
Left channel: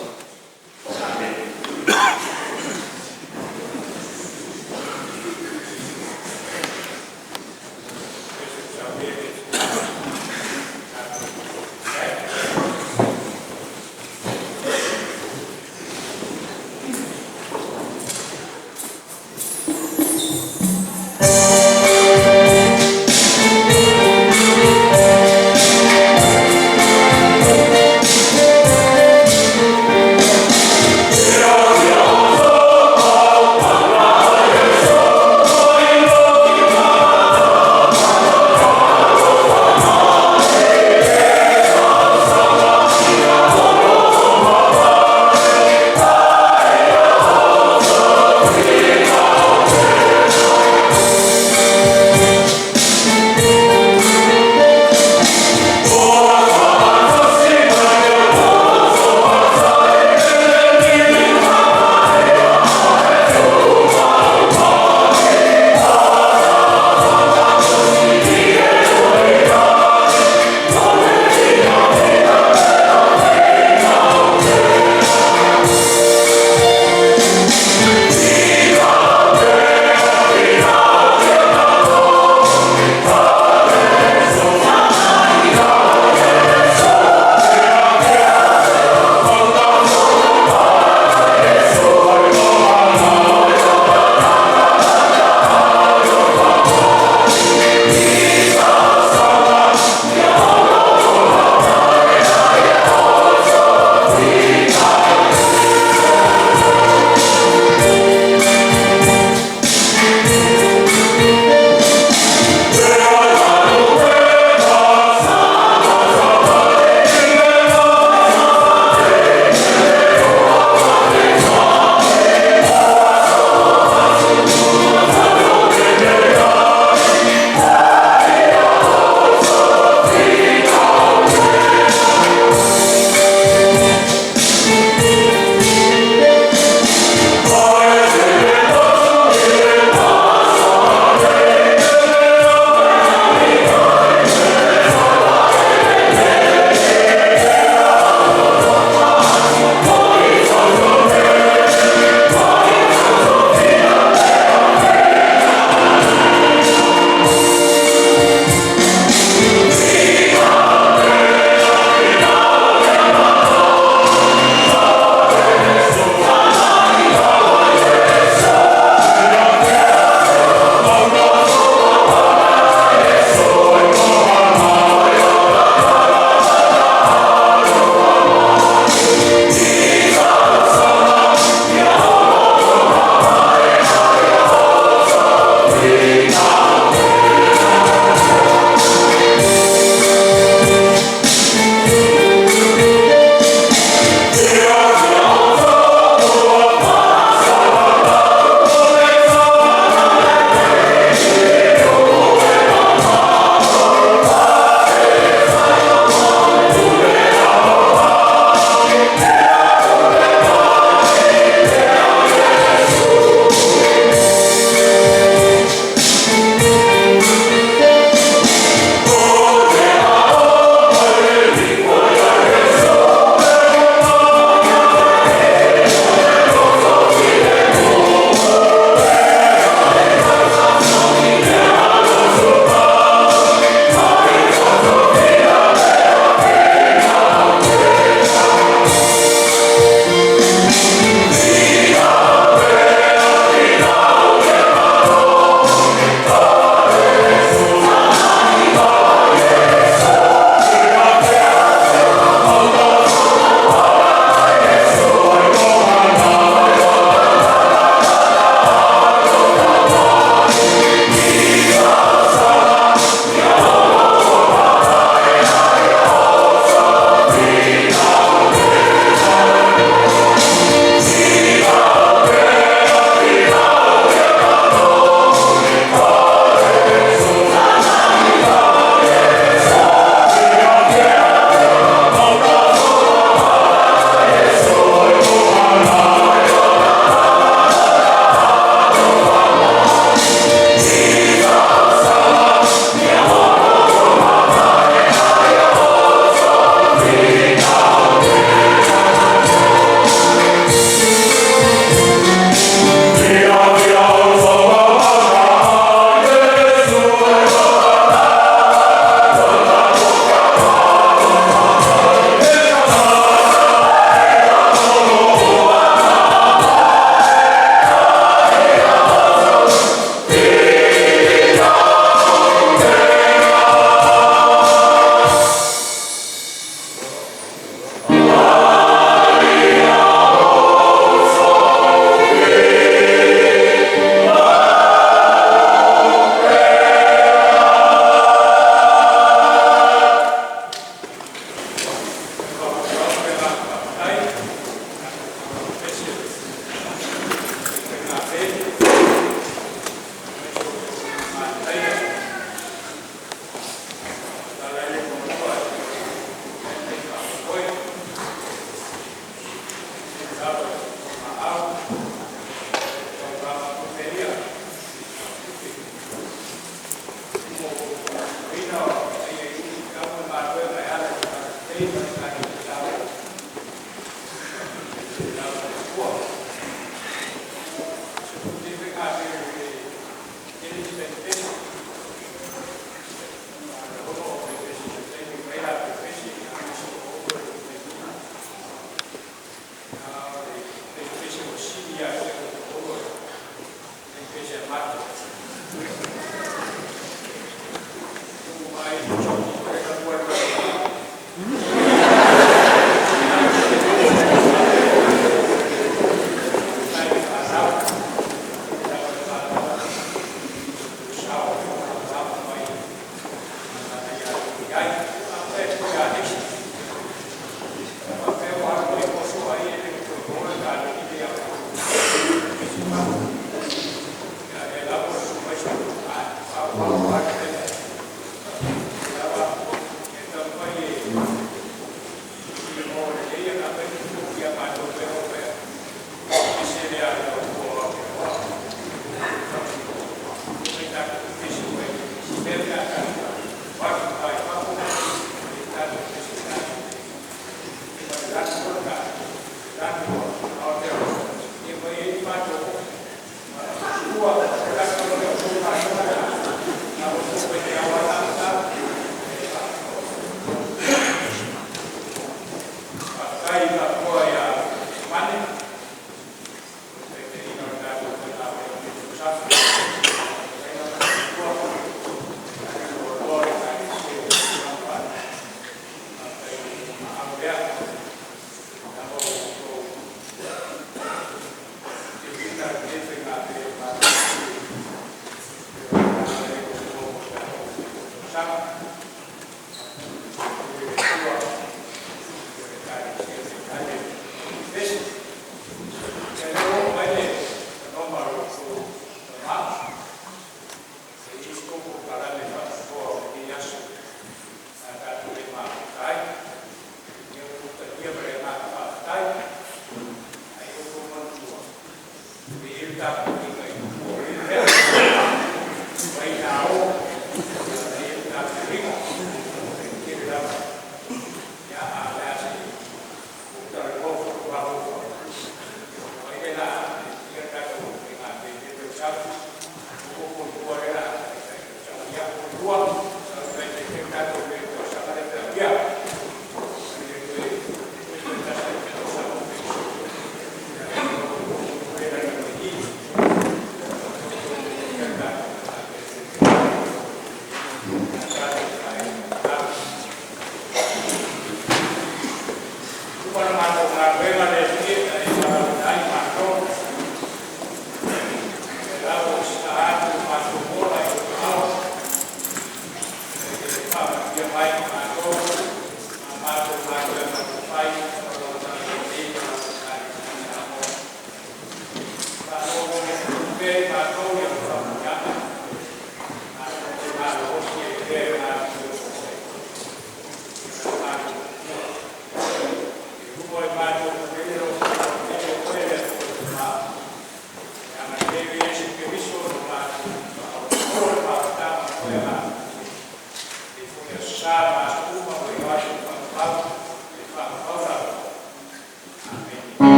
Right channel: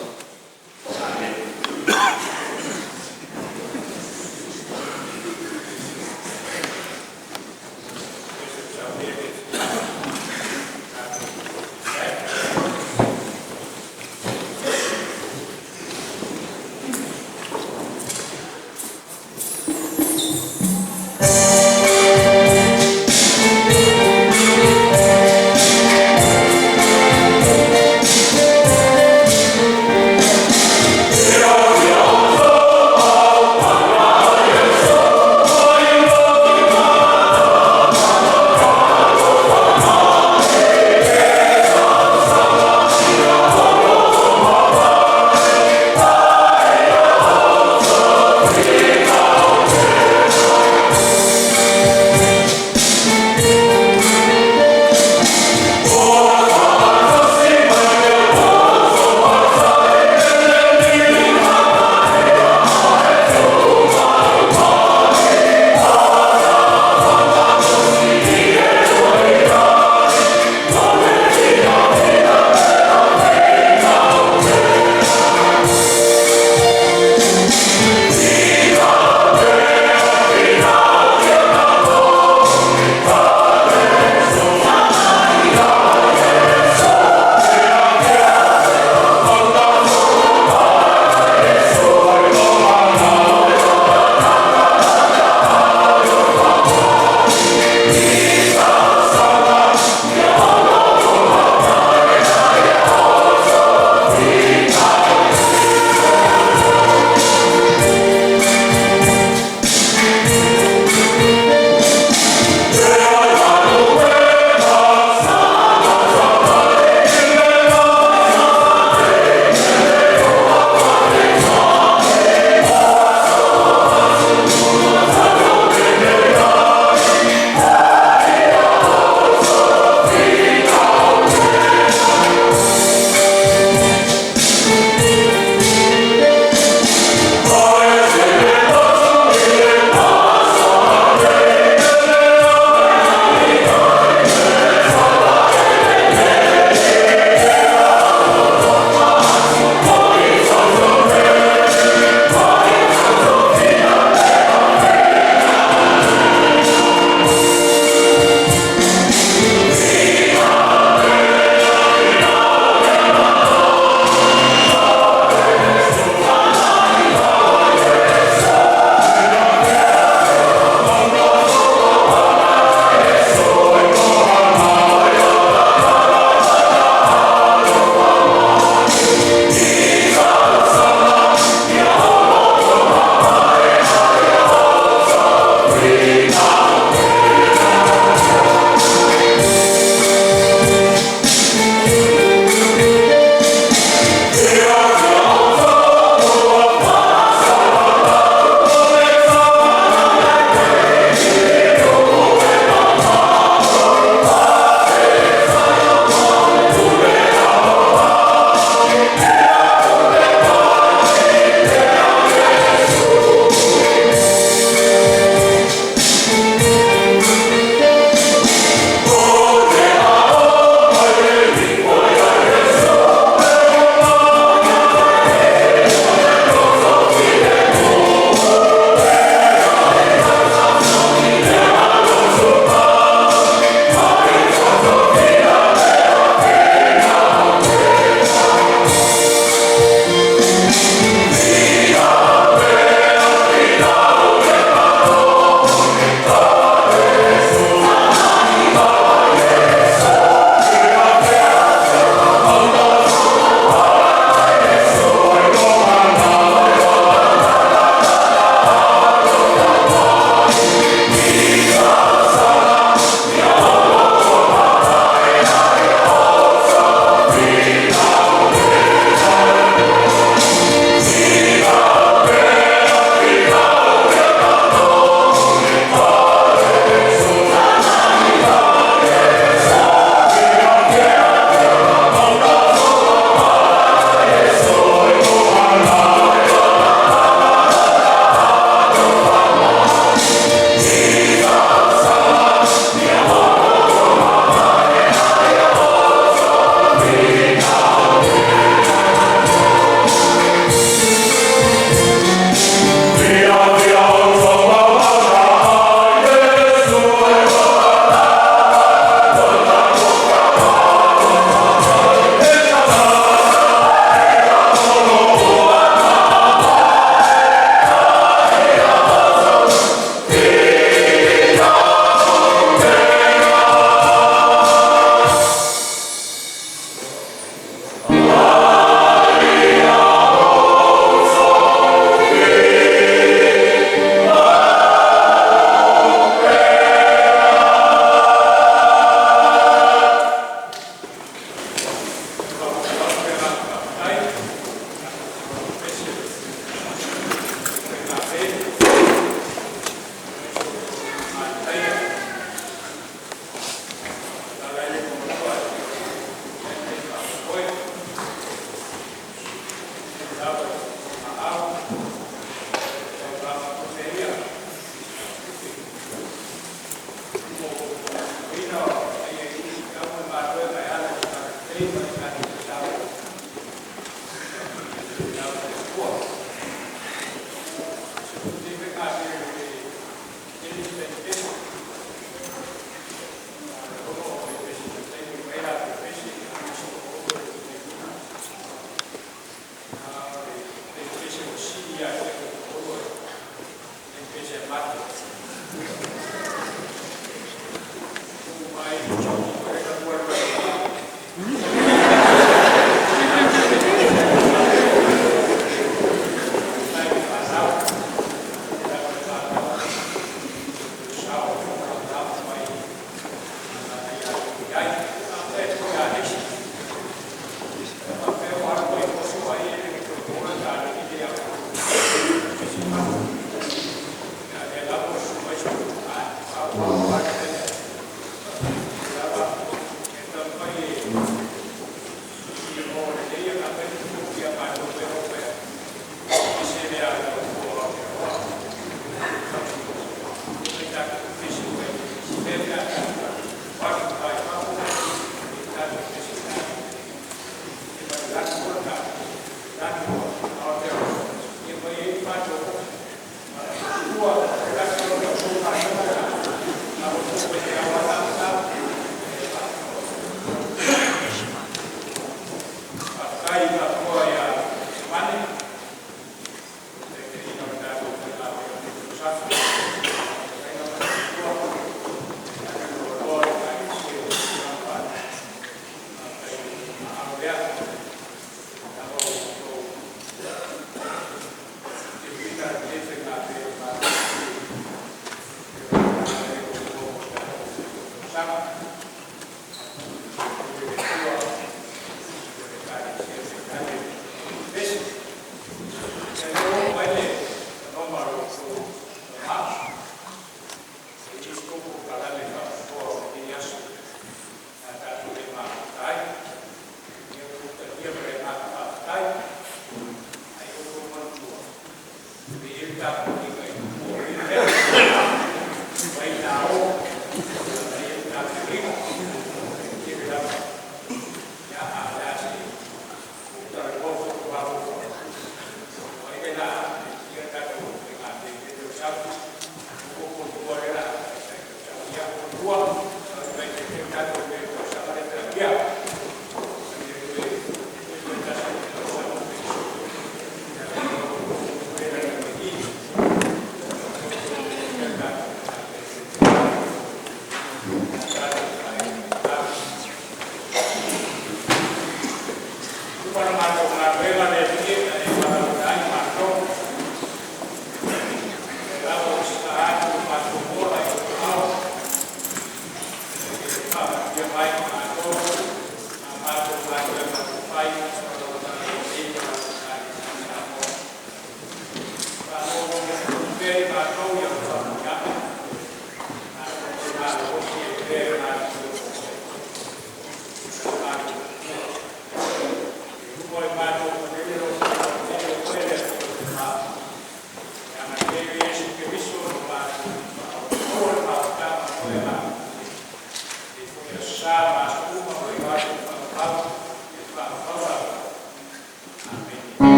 Saya